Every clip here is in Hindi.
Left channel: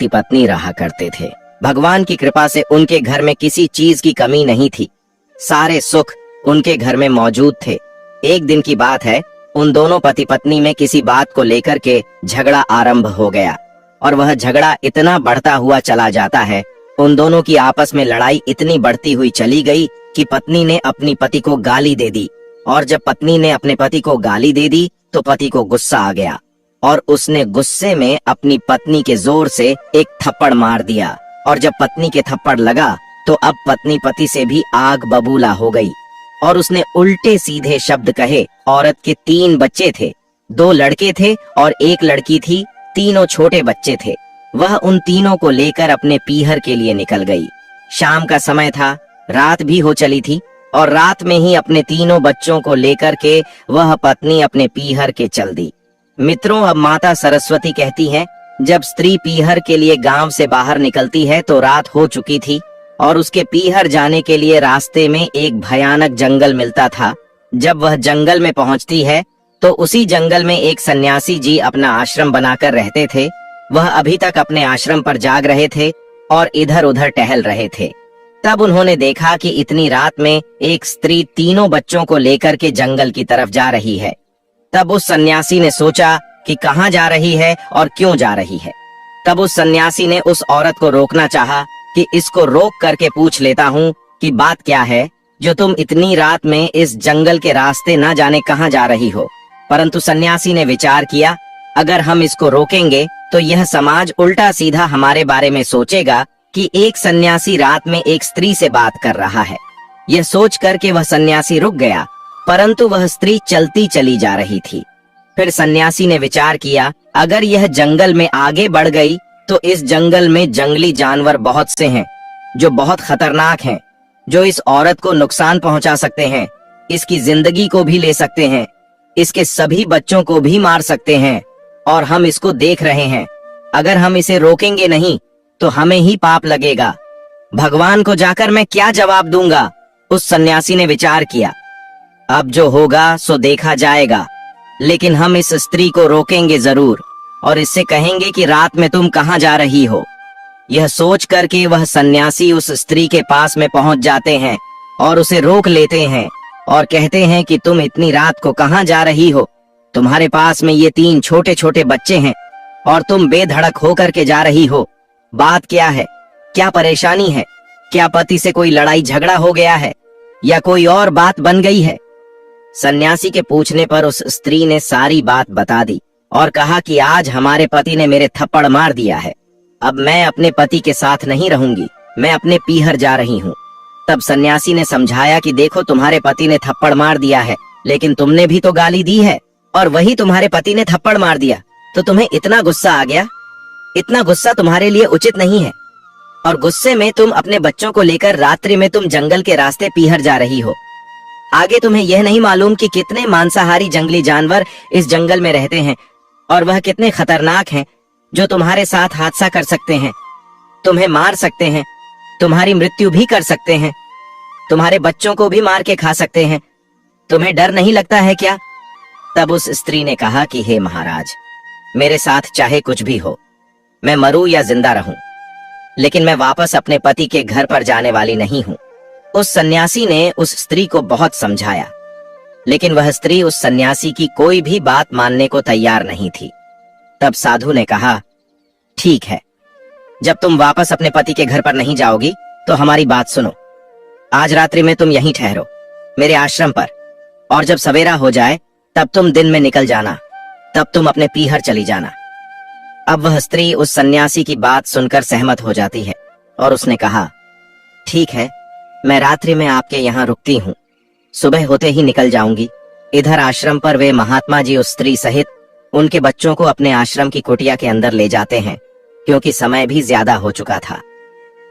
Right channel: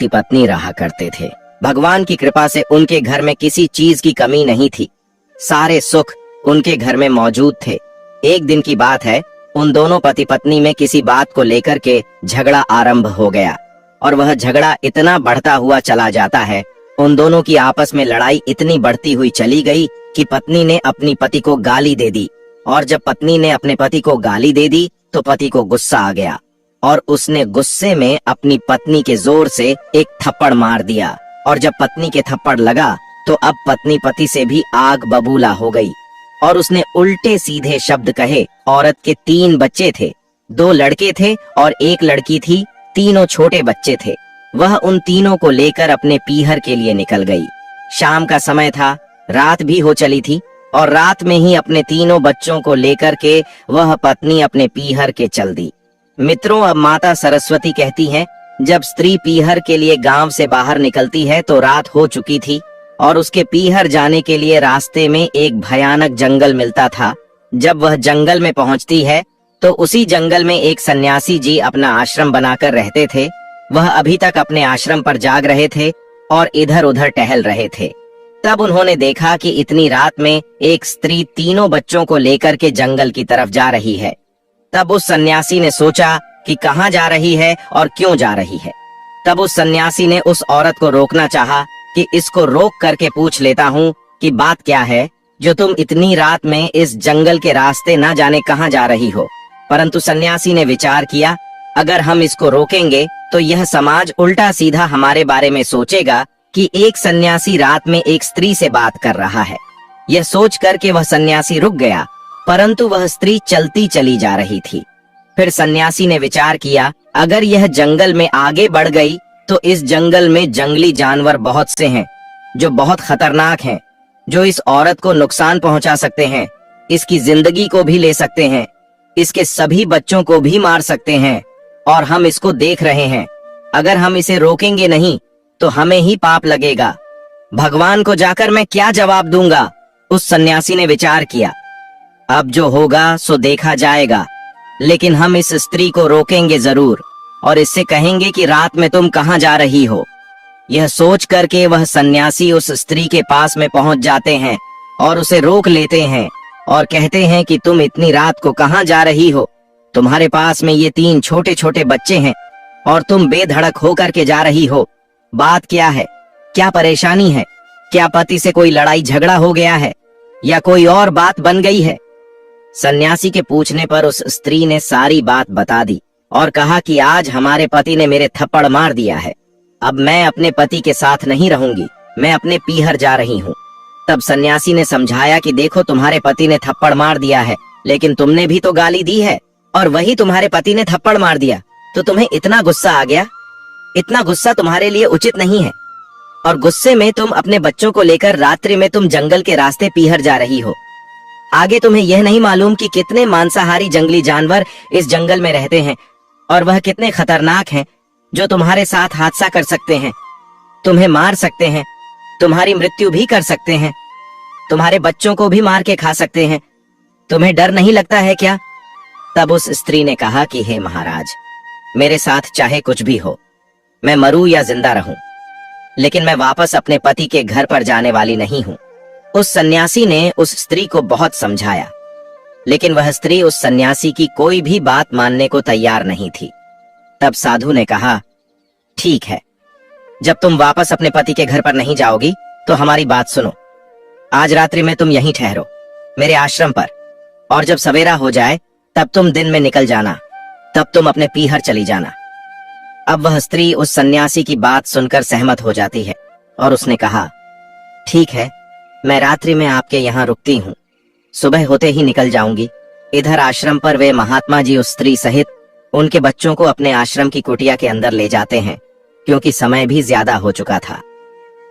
पति पत्नी रहा करते थे। भगवान की कृपा से उनके घर में किसी चीज की कमी नहीं थी। सारे सुख उनके घर में मौजूद थे। एक दिन की बात है, उन दोनों पति पत्नी में किसी बात को लेकर के झगड़ा आरंभ हो गया और वह झगड़ा इतना बढ़ता हुआ चला जाता है। उन दोनों की आपस में लड़ाई इतनी बढ़ती हुई चली गई कि पत्नी ने अपनी पति को गाली दे दी, और जब पत्नी ने अपने पति को गाली दे दी तो पति को गुस्सा आ गया और उसने गुस्से में अपनी पत्नी के जोर से एक थप्पड़ मार दिया। और जब पत्नी के थप्पड़ लगा तो अब पत्नी पति से भी आग बबूला हो गई और उसने उल्टे सीधे शब्द कहे। औरत के 3 बच्चे थे, 2 लड़के थे और 1 लड़की थी। तीनों छोटे बच्चे थे। वह उन तीनों को लेकर अपने पीहर के लिए निकल गई। शाम का समय था, रात भी हो चली थी और रात में ही अपने तीनों बच्चों को लेकर के वह पत्नी अपने पीहर के चल दी। मित्रों, अब माता सरस्वती कहती हैं, जब स्त्री पीहर के लिए गांव से बाहर निकलती है तो रात हो चुकी थी और उसके पीहर जाने के लिए रास्ते में एक भयानक जंगल मिलता था। जब वह जंगल में पहुंचती है तो उसी जंगल में एक सन्यासी जी अपना आश्रम बनाकर रहते थे। वह अभी तक अपने आश्रम पर जाग रहे थे और इधर उधर टहल रहे थे। तब उन्होंने देखा कि इतनी रात में एक स्त्री तीनों बच्चों को लेकर के जंगल की तरफ जा रही है। तब उस सन्यासी ने सोचा कि कहाँ जा रही है और क्यों जा रही है। तब उस सन्यासी ने उस औरत को रोकना चाहा कि इसको रोक करके पूछ लेता हूँ कि बात क्या है जो तुम इतनी रात में इस जंगल के रास्ते न जाने कहाँ जा रही हो। परंतु सन्यासी ने विचार किया, अगर हम इसको रोकेंगे तो यह समाज उल्टा सीधा हमारे बारे में सोचेगा कि एक सन्यासी रात में एक स्त्री से बात कर रहा है। यह सोच करके वह सन्यासी रुक गया, परंतु वह स्त्री चलती चली जा रही थी। फिर सन्यासी ने विचार किया, अगर यह जंगल में आगे बढ़ गई तो इस जंगल में जंगली जानवर बहुत से हैं जो बहुत खतरनाक हैं, जो इस औरत को नुकसान पहुंचा सकते हैं, इसकी जिंदगी को भी ले सकते हैं, इसके सभी बच्चों को भी मार सकते हैं और हम इसको देख रहे हैं। अगर हम इसे रोकेंगे नहीं तो हमें ही पाप लगेगा। भगवान को जाकर मैं क्या जवाब दूंगा? उस सन्यासी ने विचार किया, अब जो होगा सो देखा जाएगा, लेकिन हम इस स्त्री को रोकेंगे जरूर और इससे कहेंगे कि रात में तुम कहाँ जा रही हो। यह सोच करके वह सन्यासी उस स्त्री के पास में पहुंच जाते हैं और उसे रोक लेते हैं और कहते हैं कि तुम इतनी रात को कहाँ जा रही हो? तुम्हारे पास में ये 3 छोटे छोटे बच्चे हैं और तुम बेधड़क होकर के जा रही हो। बात क्या है? क्या परेशानी है? क्या पति से कोई लड़ाई झगड़ा हो गया है या कोई और बात बन गई है? सन्यासी के पूछने पर उस स्त्री ने सारी बात बता दी और कहा कि आज हमारे पति ने मेरे थप्पड़ मार दिया है। अब मैं अपने पति के साथ नहीं रहूंगी, मैं अपने पीहर जा रही हूँ। तब सन्यासी ने समझाया कि देखो, तुम्हारे पति ने थप्पड़ मार दिया है, लेकिन तुमने भी तो गाली दी है और वही तुम्हारे पति ने थप्पड़ मार दिया, तो तुम्हें इतना गुस्सा आ गया। इतना गुस्सा तुम्हारे लिए उचित नहीं है और गुस्से में तुम अपने बच्चों को लेकर रात्रि में तुम जंगल के रास्ते पीहर जा रही हो। आगे तुम्हें यह नहीं मालूम कि कितने मांसाहारी जंगली जानवर इस जंगल में रहते हैं और वह कितने खतरनाक हैं, जो तुम्हारे साथ हादसा कर सकते हैं, तुम्हें मार सकते हैं, तुम्हारी मृत्यु भी कर सकते हैं, तुम्हारे बच्चों को भी मार के खा सकते हैं। तुम्हें डर नहीं लगता है क्या? तब उस स्त्री ने कहा कि हे महाराज, मेरे साथ चाहे कुछ भी हो, मैं मरूं या जिंदा रहूं, लेकिन मैं वापस अपने पति के घर पर जाने वाली नहीं हूं। उस सन्यासी ने उस स्त्री को बहुत समझाया, लेकिन वह स्त्री उस सन्यासी की कोई भी बात मानने को तैयार नहीं थी। तब साधु ने कहा, ठीक है, जब तुम वापस अपने पति के घर पर नहीं जाओगी तो हमारी बात सुनो। आज रात्रि में तुम यहीं ठहरो मेरे आश्रम पर, और जब सवेरा हो जाए तब तुम दिन में निकल जाना, तब तुम अपने पीहर चली जाना। अब वह स्त्री उस सन्यासी की बात सुनकर सहमत हो जाती है और उसने कहा, ठीक है, मैं रात्रि में आपके यहाँ रुकती हूँ, सुबह होते ही निकल जाऊंगी। इधर आश्रम पर वे महात्मा जी उस स्त्री सहित उनके बच्चों को अपने आश्रम की कुटिया के अंदर ले जाते हैं, क्योंकि समय भी ज्यादा हो चुका था।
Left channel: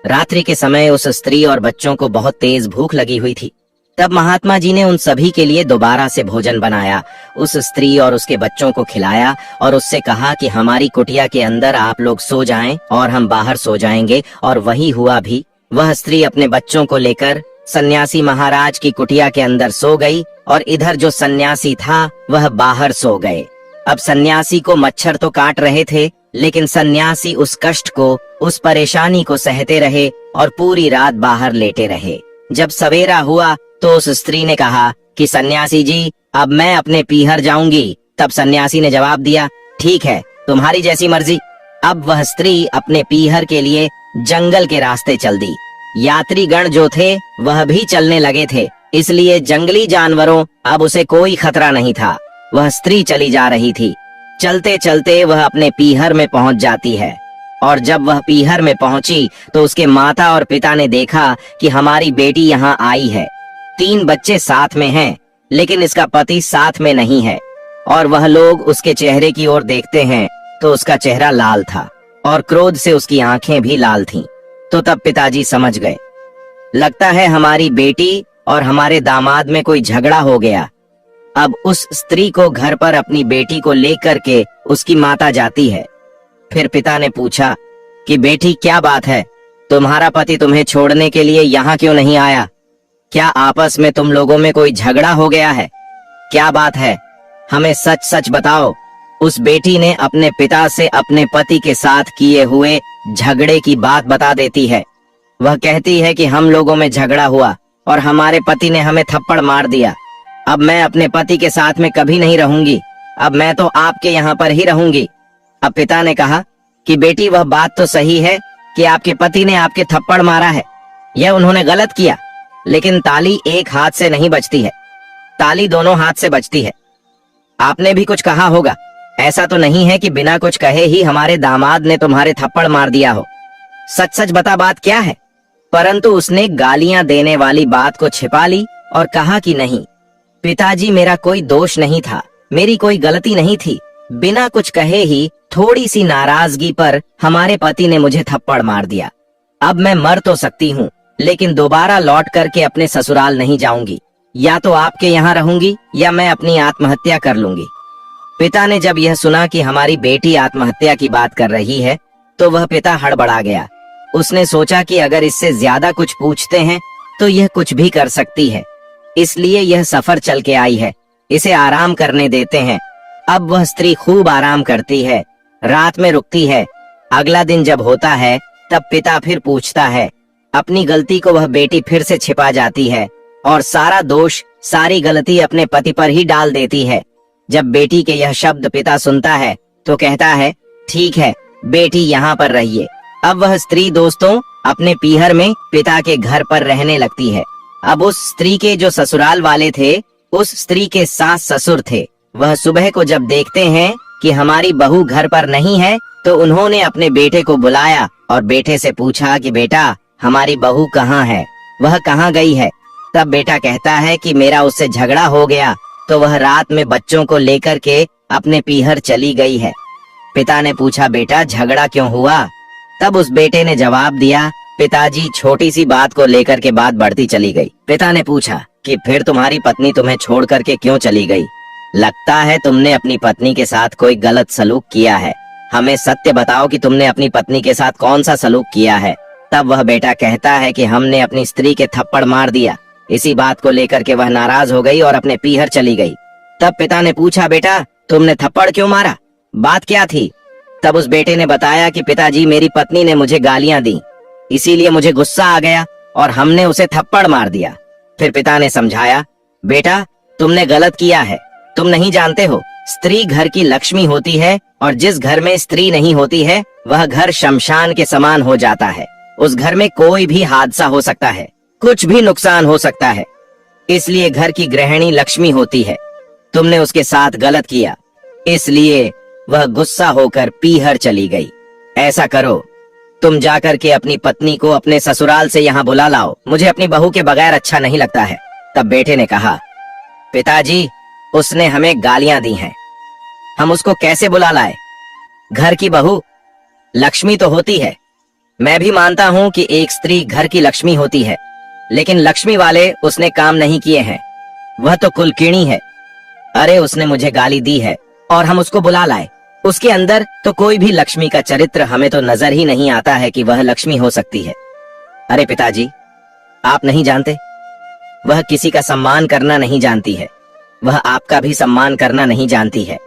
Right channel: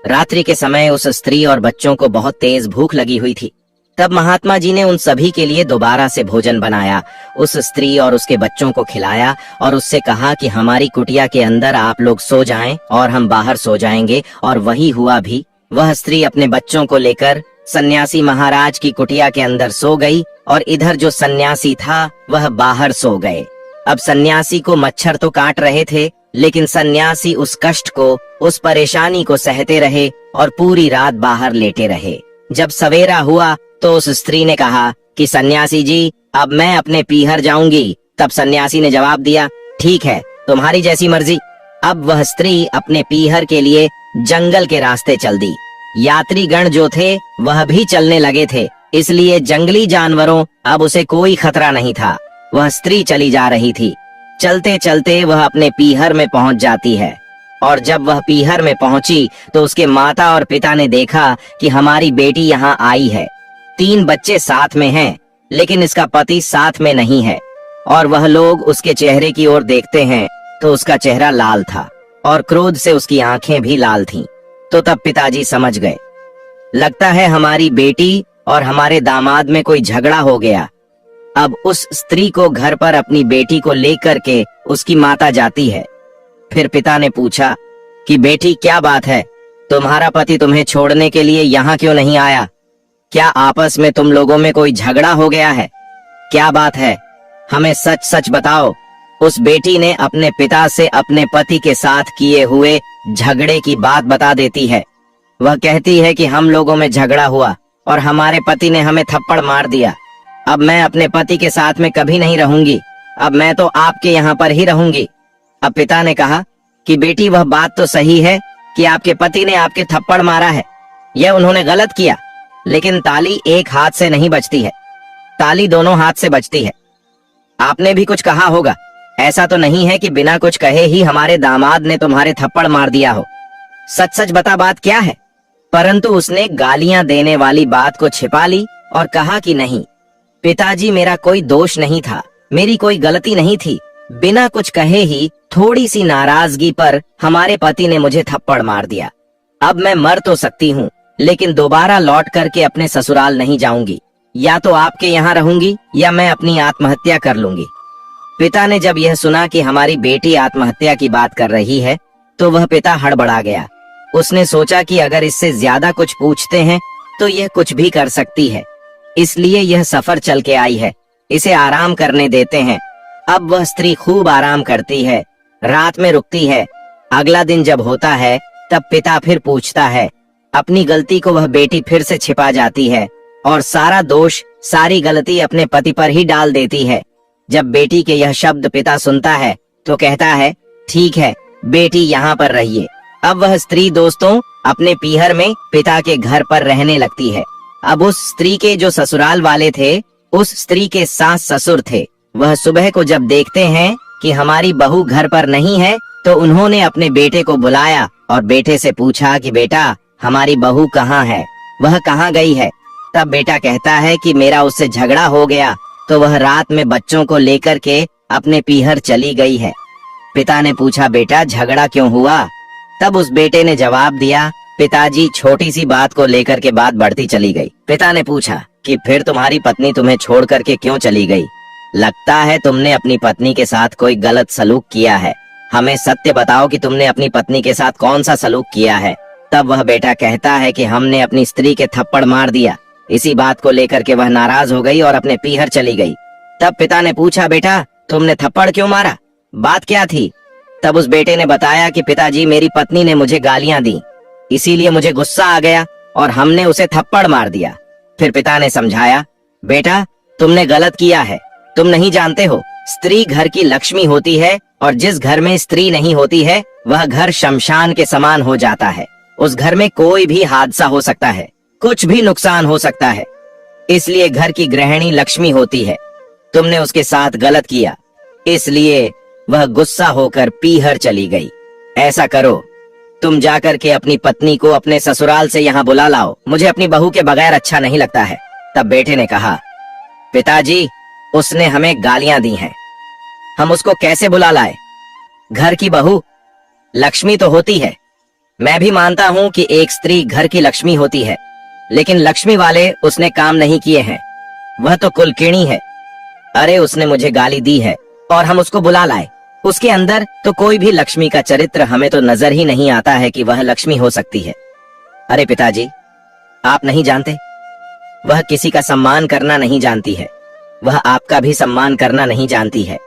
रात्रि के समय उस स्त्री और बच्चों को बहुत तेज भूख लगी हुई थी। तब महात्मा जी ने उन सभी के लिए दोबारा से भोजन बनाया, उस स्त्री और उसके बच्चों को खिलाया और उससे कहा कि हमारी कुटिया के अंदर आप लोग सो जाएं और हम बाहर सो जाएंगे। और वही हुआ भी। वह स्त्री अपने बच्चों को लेकर सन्यासी महाराज की कुटिया के अंदर सो गई और इधर जो सन्यासी था वह बाहर सो गए। अब सन्यासी को मच्छर तो काट रहे थे, लेकिन सन्यासी उस कष्ट को, उस परेशानी को सहते रहे और पूरी रात बाहर लेटे रहे। जब सवेरा हुआ तो उस स्त्री ने कहा कि सन्यासी जी, अब मैं अपने पीहर जाऊंगी। तब सन्यासी ने जवाब दिया, ठीक है, तुम्हारी जैसी मर्जी। अब वह स्त्री अपने पीहर के लिए जंगल के रास्ते चल दी। यात्रीगण जो थे वह भी चलने लगे थे, इसलिए जंगली जानवरों अब उसे कोई खतरा नहीं था। वह स्त्री चली जा रही थी। चलते चलते वह अपने पीहर में पहुंच जाती है, और जब वह पीहर में पहुंची तो उसके माता और पिता ने देखा कि हमारी बेटी यहाँ आई है। 3 बच्चे साथ में हैं, लेकिन इसका पति साथ में नहीं है। और वह लोग उसके चेहरे की ओर देखते हैं तो उसका चेहरा लाल था और क्रोध से उसकी आंखें भी लाल थीं। तो तब पिताजी समझ गए, लगता है हमारी बेटी और हमारे दामाद में कोई झगड़ा हो गया। अब उस स्त्री को घर पर अपनी बेटी को लेकर के उसकी माता जाती है। फिर पिता ने पूछा कि बेटी, क्या बात है, तुम्हारा पति तुम्हें छोड़ने के लिए यहाँ क्यों नहीं आया? क्या आपस में तुम लोगों में कोई झगड़ा हो गया है? क्या बात है, हमें सच सच बताओ। उस बेटी ने अपने पिता से अपने पति के साथ किए हुए झगड़े की बात बता देती है। वह कहती है कि हम लोगों में झगड़ा हुआ और हमारे पति ने हमें थप्पड़ मार दिया। अब मैं अपने पति के साथ में कभी नहीं रहूंगी, अब मैं तो आपके यहाँ पर ही रहूंगी। अब पिता ने कहा कि बेटी, वह बात तो सही है कि आपके पति ने आपके थप्पड़ मारा है, यह उन्होंने गलत किया, लेकिन ताली एक हाथ से नहीं बजती है, ताली दोनों हाथ से बजती है। आपने भी कुछ कहा होगा, ऐसा तो नहीं है कि बिना कुछ कहे ही हमारे दामाद ने तुम्हारे थप्पड़ मार दिया हो। सच सच बता, बात क्या है? परंतु उसने गालियां देने वाली बात को छिपा ली और कहा कि नहीं पिताजी, मेरा कोई दोष नहीं था, मेरी कोई गलती नहीं थी। बिना कुछ कहे ही थोड़ी सी नाराजगी पर हमारे पति ने मुझे थप्पड़ मार दिया। अब मैं मर तो सकती हूँ, लेकिन दोबारा लौट करके अपने ससुराल नहीं जाऊंगी। या तो आपके यहाँ रहूंगी या मैं अपनी आत्महत्या कर लूंगी। पिता ने जब यह सुना कि हमारी बेटी आत्महत्या की बात कर रही है तो वह पिता हड़बड़ा गया। उसने सोचा कि अगर इससे ज्यादा कुछ पूछते हैं तो यह कुछ भी कर सकती है, इसलिए यह सफर चल के आई है, इसे आराम करने देते हैं। अब वह स्त्री खूब आराम करती है, रात में रुकती है। अगला दिन जब होता है तब पिता फिर पूछता है। अपनी गलती को वह बेटी फिर से छिपा जाती है और सारा दोष, सारी गलती अपने पति पर ही डाल देती है। जब बेटी के यह शब्द पिता सुनता है तो कहता है, ठीक है बेटी, यहाँ पर रहिए। अब वह स्त्री दोस्तों अपने पीहर में पिता के घर पर रहने लगती है। अब उस स्त्री के जो ससुराल वाले थे, उस स्त्री के सास ससुर थे। वह सुबह को जब देखते हैं कि हमारी बहू घर पर नहीं है तो उन्होंने अपने बेटे को बुलाया और बेटे से पूछा कि बेटा, हमारी बहू कहाँ है, वह कहाँ गई है? तब बेटा कहता है कि मेरा उससे झगड़ा हो गया तो वह रात में बच्चों को लेकर के अपने पीहर चली गई है। पिता ने पूछा, बेटा झगड़ा क्यों हुआ? तब उस बेटे ने जवाब दिया, पिताजी, छोटी सी बात को लेकर के बात बढ़ती चली गई। पिता ने पूछा कि फिर तुम्हारी पत्नी तुम्हें छोड़ करके क्यों चली गई? लगता है तुमने अपनी पत्नी के साथ कोई गलत सलूक किया है, हमें सत्य बताओ कि तुमने अपनी पत्नी के साथ कौन सा सलूक किया है। तब वह बेटा कहता है कि हमने अपनी स्त्री के थप्पड़ मार दिया। इसी बात को लेकर के वह नाराज हो गई और अपने पीहर चली गई। तब पिता ने पूछा, बेटा तुमने थप्पड़ क्यों मारा, बात क्या थी? तब उस बेटे ने बताया कि पिताजी, मेरी पत्नी ने मुझे गालियां दी, इसीलिए मुझे गुस्सा आ गया और हमने उसे थप्पड़ मार दिया। फिर पिता ने समझाया, बेटा तुमने गलत किया है, तुम नहीं जानते हो, स्त्री घर की लक्ष्मी होती है और जिस घर में स्त्री नहीं होती है वह घर शमशान के समान हो जाता है। उस घर में कोई भी हादसा हो सकता है, कुछ भी नुकसान हो सकता है, इसलिए घर की गृहिणी लक्ष्मी होती है। तुमने उसके साथ गलत किया, इसलिए वह गुस्सा होकर पीहर चली गई। ऐसा करो, तुम जाकर के अपनी पत्नी को अपने ससुराल से यहाँ बुला लाओ, मुझे अपनी बहू के बगैर अच्छा नहीं लगता है। तब बेटे ने कहा, पिताजी उसने हमें गालियां दी हैं, हम उसको कैसे बुला लाए? घर की बहू लक्ष्मी तो होती है, मैं भी मानता हूँ कि एक स्त्री घर की लक्ष्मी होती है, लेकिन लक्ष्मी वाले उसने काम नहीं किए हैं, वह तो कुलकीणी है। अरे उसने मुझे गाली दी है और हम उसको बुला लाए, उसके अंदर तो कोई भी लक्ष्मी का चरित्र हमें तो नजर ही नहीं आता है कि वह लक्ष्मी हो सकती है। अरे पिताजी, आप नहीं जानते, वह किसी का सम्मान करना नहीं जानती है, वह आपका भी सम्मान करना नहीं जानती है।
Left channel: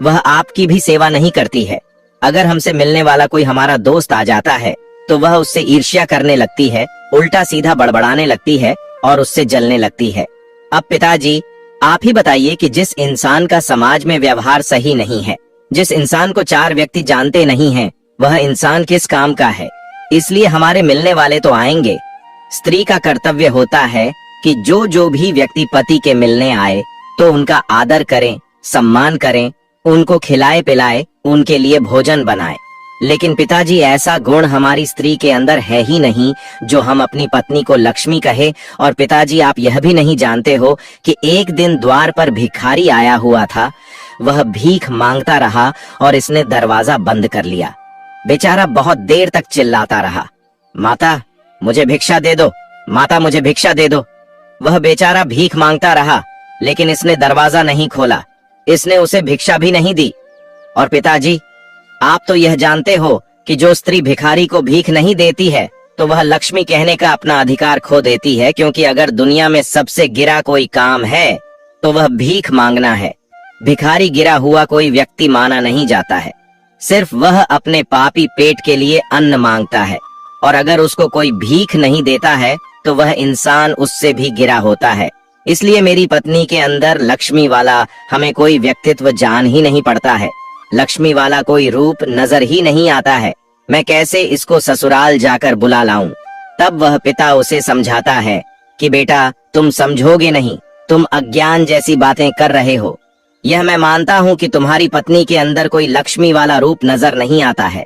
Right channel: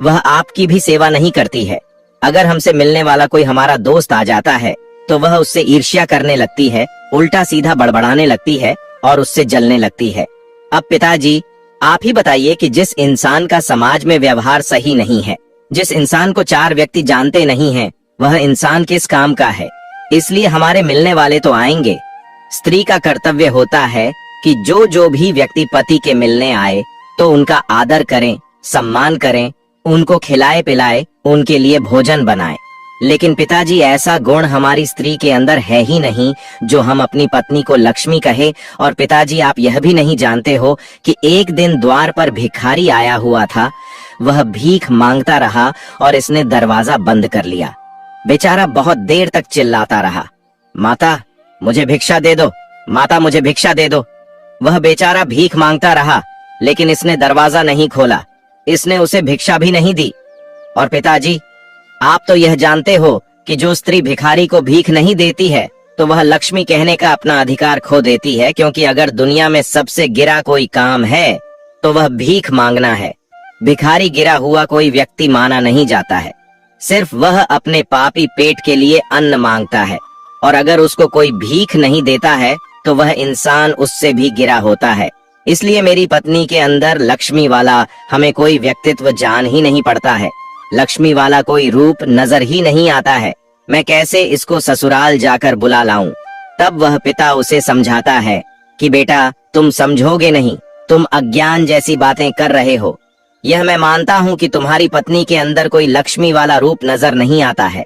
वह आपकी भी सेवा नहीं करती है। अगर हमसे मिलने वाला कोई हमारा दोस्त आ जाता है तो वह उससे ईर्ष्या करने लगती है, उल्टा सीधा बड़बड़ाने लगती है और उससे जलने लगती है। अब पिताजी, आप ही बताइए कि जिस इंसान का समाज में व्यवहार सही नहीं है, जिस इंसान को 4 व्यक्ति जानते नहीं हैं, वह इंसान किस काम का है? इसलिए हमारे मिलने वाले तो आएंगे। स्त्री का कर्तव्य होता है कि जो भी व्यक्ति पति के मिलने आए तो उनका आदर करें, सम्मान करें, उनको खिलाए पिलाए, उनके लिए भोजन बनाए। लेकिन पिताजी, ऐसा गुण हमारी स्त्री के अंदर है ही नहीं जो हम अपनी पत्नी को लक्ष्मी कहे। और पिताजी, आप यह भी नहीं जानते हो कि एक दिन द्वार पर भिखारी आया हुआ था। वह भीख मांगता रहा और इसने दरवाजा बंद कर लिया। बेचारा बहुत देर तक चिल्लाता रहा, माता मुझे भिक्षा दे दो, माता मुझे भिक्षा दे दो। वह बेचारा भीख मांगता रहा, लेकिन इसने दरवाजा नहीं खोला, इसने उसे भिक्षा भी नहीं दी। और पिताजी, आप तो यह जानते हो कि जो स्त्री भिखारी को भीख नहीं देती है तो वह लक्ष्मी कहने का अपना अधिकार खो देती है, क्योंकि अगर दुनिया में सबसे गिरा कोई काम है तो वह भीख मांगना है। भिखारी गिरा हुआ कोई व्यक्ति माना नहीं जाता है, सिर्फ वह अपने पापी पेट के लिए अन्न मांगता है। और अगर उसको कोई भीख नहीं देता है तो वह इंसान उससे भी गिरा होता है। इसलिए मेरी पत्नी के अंदर लक्ष्मी वाला हमें कोई व्यक्तित्व जान ही नहीं पड़ता है, लक्ष्मी वाला कोई रूप नजर ही नहीं आता है। मैं कैसे इसको ससुराल जाकर बुला लाऊं? तब वह पिता उसे समझाता है कि बेटा, तुम समझोगे नहीं, तुम अज्ञान जैसी बातें कर रहे हो। यह मैं मानता हूँ कि तुम्हारी पत्नी के अंदर कोई लक्ष्मी वाला रूप नजर नहीं आता है।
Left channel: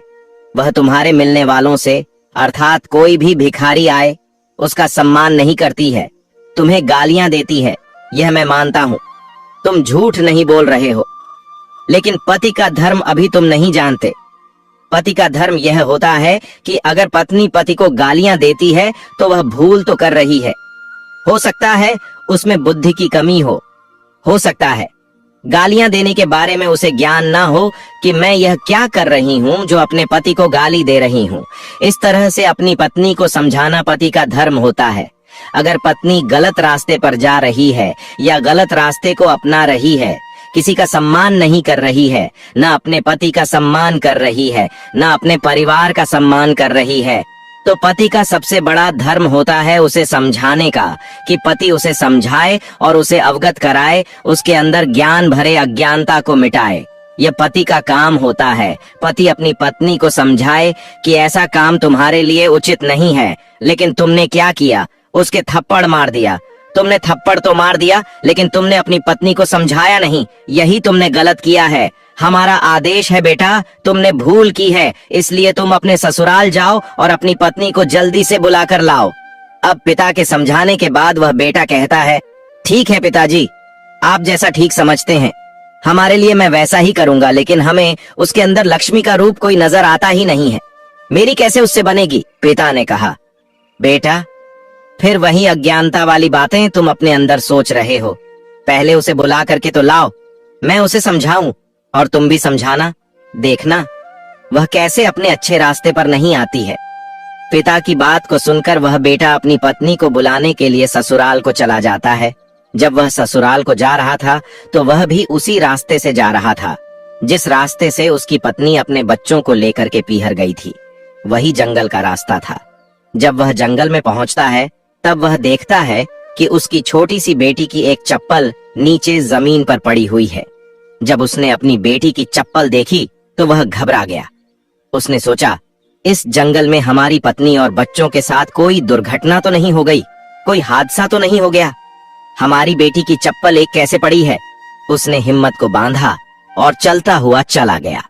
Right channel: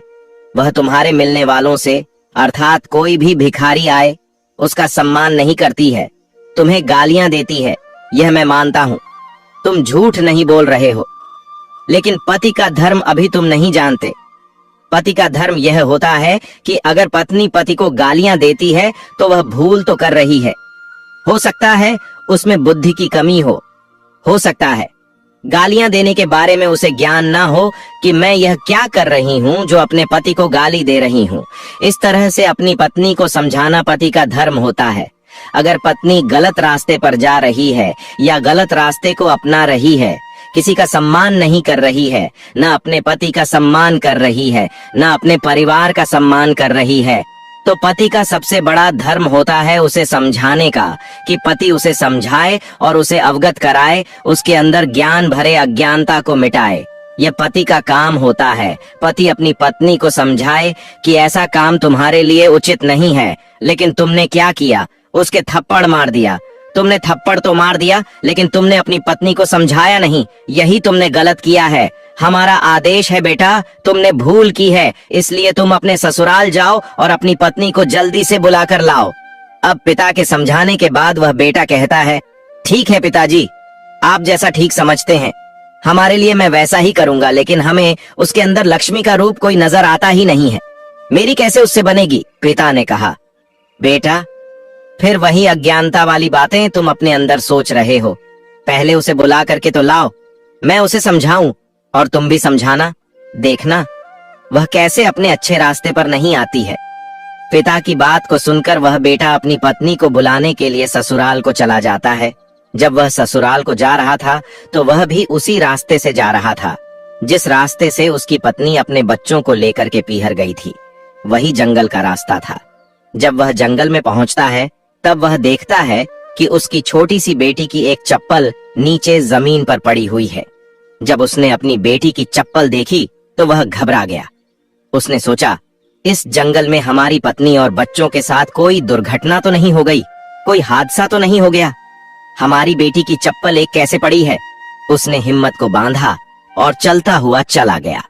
वह तुम्हारे मिलने वालों से, अर्थात कोई भी भिखारी आए, उसका सम्मान नहीं करती है, तुम्हें गालियां देती है, यह मैं मानता हूँ। तुम झूठ नहीं बोल रहे हो। लेकिन पति का धर्म अभी तुम नहीं जानते। पति का धर्म यह होता है कि अगर पत्नी पति को गालियां देती है तो वह भूल तो कर रही है। हो सकता है उसमें बुद्धि की कमी हो सकता है गालियां देने के बारे में उसे ज्ञान ना हो कि मैं यह क्या कर रही हूँ जो अपने पति को गाली दे रही हूँ। इस तरह से अपनी पत्नी को समझाना पति का धर्म होता है। अगर पत्नी गलत रास्ते पर जा रही है या गलत रास्ते को अपना रही है, किसी का सम्मान नहीं कर रही है, न अपने पति का सम्मान कर रही है, न अपने परिवार का सम्मान कर रही है, तो पति का सबसे बड़ा धर्म होता है उसे समझाने का, कि पति उसे समझाए और उसे अवगत कराए, उसके अंदर ज्ञान भरे अज्ञानता को मिटाए। यह पति का काम होता है। पति अपनी पत्नी को समझाए कि ऐसा काम तुम्हारे लिए उचित नहीं है। लेकिन तुमने क्या किया? उसके थप्पड़ मार दिया। तुमने थप्पड़ तो मार दिया, लेकिन तुमने अपनी पत्नी को समझाया नहीं। यही तुमने गलत किया है। हमारा आदेश है बेटा, तुमने भूल की है, इसलिए तुम अपने ससुराल जाओ और अपनी पत्नी को जल्दी से बुलाकर लाओ। अब पिता के समझाने के बाद वह बेटा कहता है, ठीक है पिताजी, आप जैसा ठीक समझते हैं, हमारे लिए मैं वैसा ही करूंगा। लेकिन हमें उसके अंदर लक्ष्मी का रूप कोई नजर आता ही नहीं है। मेरी कैसे उससे बनेगी? पिता ने कहा, बेटा, फिर वही अज्ञानता वाली बातें तुम अपने अंदर सोच रहे हो। पहले उसे बुला करके तो लाओ, मैं उसे समझाऊं और तुम भी समझाना। देखना वह कैसे अपने अच्छे रास्ते पर नहीं आती है। पिता की बात को सुनकर वह बेटा अपनी पत्नी को बुलाने के लिए ससुराल को चला जाता है। जब वह ससुराल को जा रहा था तो वह भी उसी रास्ते से जा रहा था जिस रास्ते से उसकी पत्नी अपने बच्चों को लेकर के पीहर गई थी। वही जंगल का रास्ता था। जब वह जंगल में पहुंचता है तब वह देखता है कि उसकी छोटी सी बेटी की एक चप्पल नीचे जमीन पर पड़ी हुई है। जब उसने अपनी बेटी की चप्पल देखी तो वह घबरा गया। उसने सोचा, इस जंगल में हमारी पत्नी और बच्चों के साथ कोई दुर्घटना तो नहीं हो गई, कोई हादसा तो नहीं हो गया? हमारी बेटी की चप्पल एक कैसे पड़ी है? उसने हिम्मत को बांधा और चलता हुआ चला गया।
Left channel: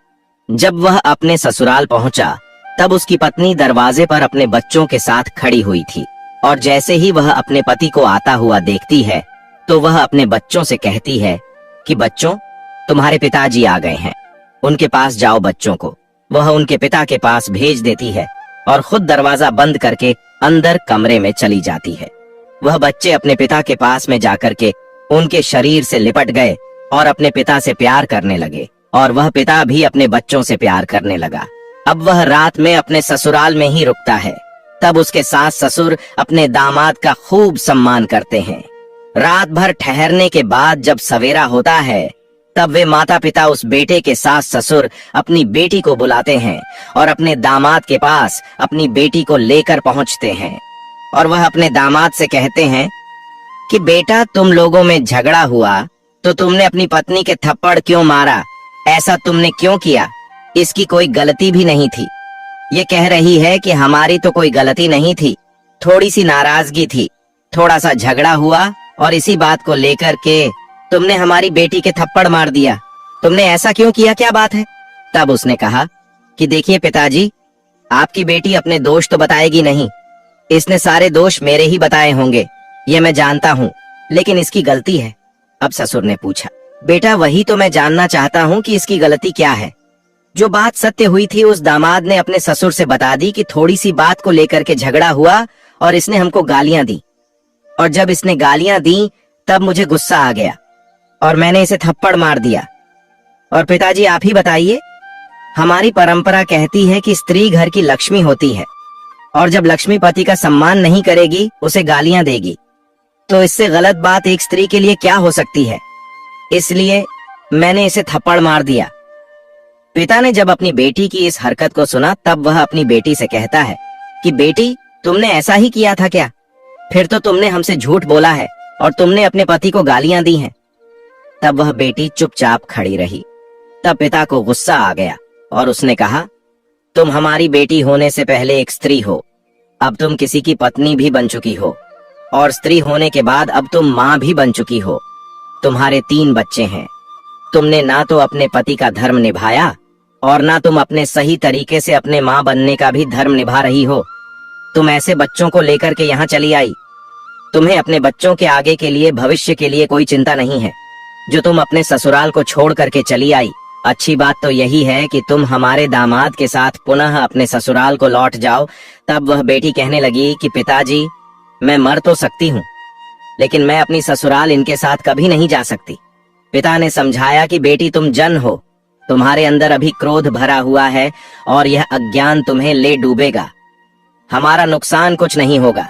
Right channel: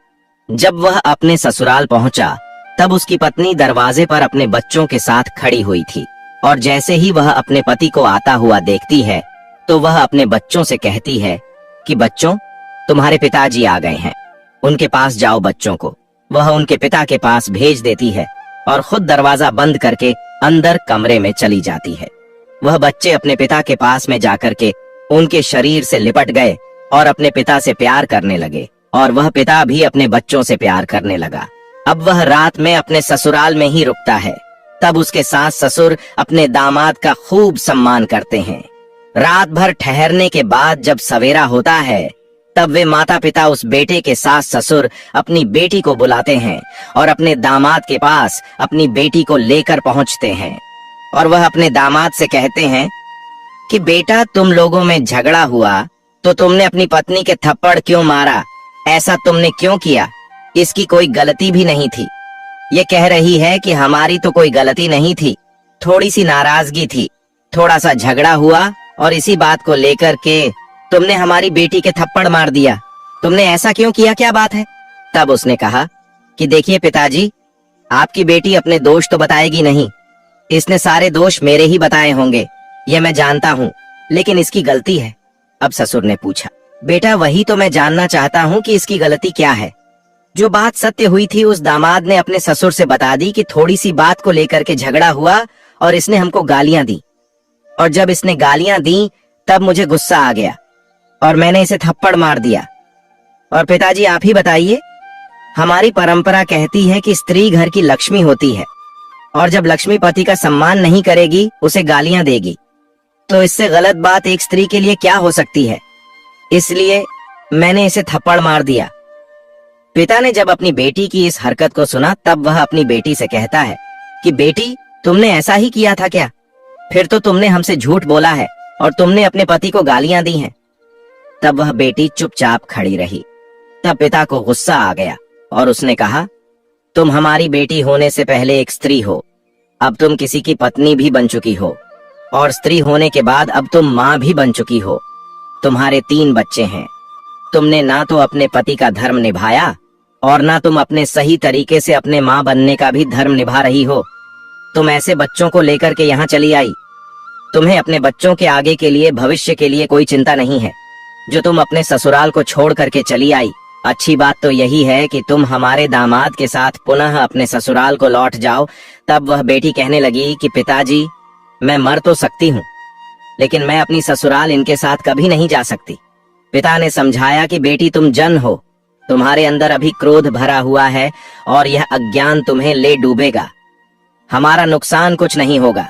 जब वह अपने ससुराल पहुंचा तब उसकी पत्नी दरवाजे पर अपने बच्चों के साथ खड़ी हुई थी, और जैसे ही वह अपने पति को आता हुआ देखती है तो वह अपने बच्चों से कहती है कि बच्चों, तुम्हारे पिताजी आ गए हैं, उनके पास जाओ बच्चों को। वह उनके पिता के पास भेज देती है और खुद दरवाजा बंद करके अंदर कमरे में चली जाती है। वह बच्चे अपने पिता के पास में जाकर के उनके शरीर से लिपट गए और अपने पिता से प्यार करने लगे, और वह पिता भी अपने बच्चों से प्यार करने लगा। अब वह रात में अपने ससुराल में ही रुकता है। तब उसके सास ससुर अपने दामाद का खूब सम्मान करते हैं। रात भर ठहरने के बाद जब सवेरा होता है तब वे माता पिता उस बेटे के सास ससुर अपनी बेटी को बुलाते हैं और अपने दामाद के पास अपनी बेटी को लेकर पहुंचते हैं और वह अपने दामाद से कहते हैं कि बेटा, तुम लोगों में झगड़ा हुआ तो तुमने अपनी पत्नी के थप्पड़ क्यों मारा? ऐसा तुमने क्यों किया? इसकी कोई गलती भी नहीं थी। ये कह रही है कि हमारी तो कोई गलती नहीं थी, थोड़ी सी नाराजगी थी, थोड़ा सा झगड़ा हुआ और इसी बात को लेकर के तुमने हमारी बेटी के थप्पड़ मार दिया। तुमने ऐसा क्यों किया, क्या बात है? तब उसने कहा कि देखिए पिताजी, आपकी बेटी अपने दोष तो बताएगी नहीं, इसने सारे दोष मेरे ही बताए होंगे, ये मैं जानता हूँ, लेकिन इसकी गलती है। अब ससुर ने पूछा, बेटा वही तो मैं जानना चाहता हूँ कि इसकी गलती क्या है। जो बात सत्य हुई थी उस दामाद ने अपने ससुर से बता दी कि थोड़ी सी बात को लेकर के झगड़ा हुआ और इसने हमको गालियां दी, और जब इसने गालियां दी तब मुझे गुस्सा आ गया और मैंने इसे थप्पड़ मार दिया। और पिताजी आप ही बताइए, हमारी परंपरा कहती है कि स्त्री घर की लक्ष्मी होती है और जब लक्ष्मी पति का सम्मान नहीं करेगी, उसे गालियां देगी, तो इससे गलत बात एक स्त्री के लिए क्या हो सकती है? इसलिए मैंने इसे थप्पड़ मार दिया। पिता ने जब अपनी बेटी की इस हरकत को सुना तब वह अपनी बेटी से कहता है कि बेटी, तुमने ऐसा ही किया था क्या? फिर तो तुमने हमसे झूठ बोला है और तुमने अपने पति को गालियां दी हैं। तब वह बेटी चुपचाप खड़ी रही। तब पिता को गुस्सा आ गया और उसने कहा, तुम हमारी बेटी होने से पहले एक स्त्री हो, अब तुम किसी की पत्नी भी बन चुकी हो, और स्त्री होने के बाद अब तुम माँ भी बन चुकी हो। तुम्हारे 3 बच्चे हैं, तुमने ना तो अपने पति का धर्म निभाया और ना तुम अपने सही तरीके से अपने माँ बनने का भी धर्म निभा रही हो। तुम ऐसे बच्चों को लेकर के यहाँ चली आई। तुम्हें अपने बच्चों के आगे के लिए, भविष्य के लिए कोई चिंता नहीं है, जो तुम अपने ससुराल को छोड़ करके चली आई। अच्छी बात तो यही है कि तुम हमारे दामाद के साथ पुनः अपने ससुराल को लौट जाओ। तब वह बेटी कहने लगी कि पिताजी, मैं मर तो सकती हूँ, लेकिन मैं अपनी ससुराल इनके साथ कभी नहीं जा सकती। पिता ने समझाया कि बेटी, तुम जन हो, तुम्हारे अंदर अभी क्रोध भरा हुआ है और यह अज्ञान तुम्हें ले डूबेगा। हमारा नुकसान कुछ नहीं होगा।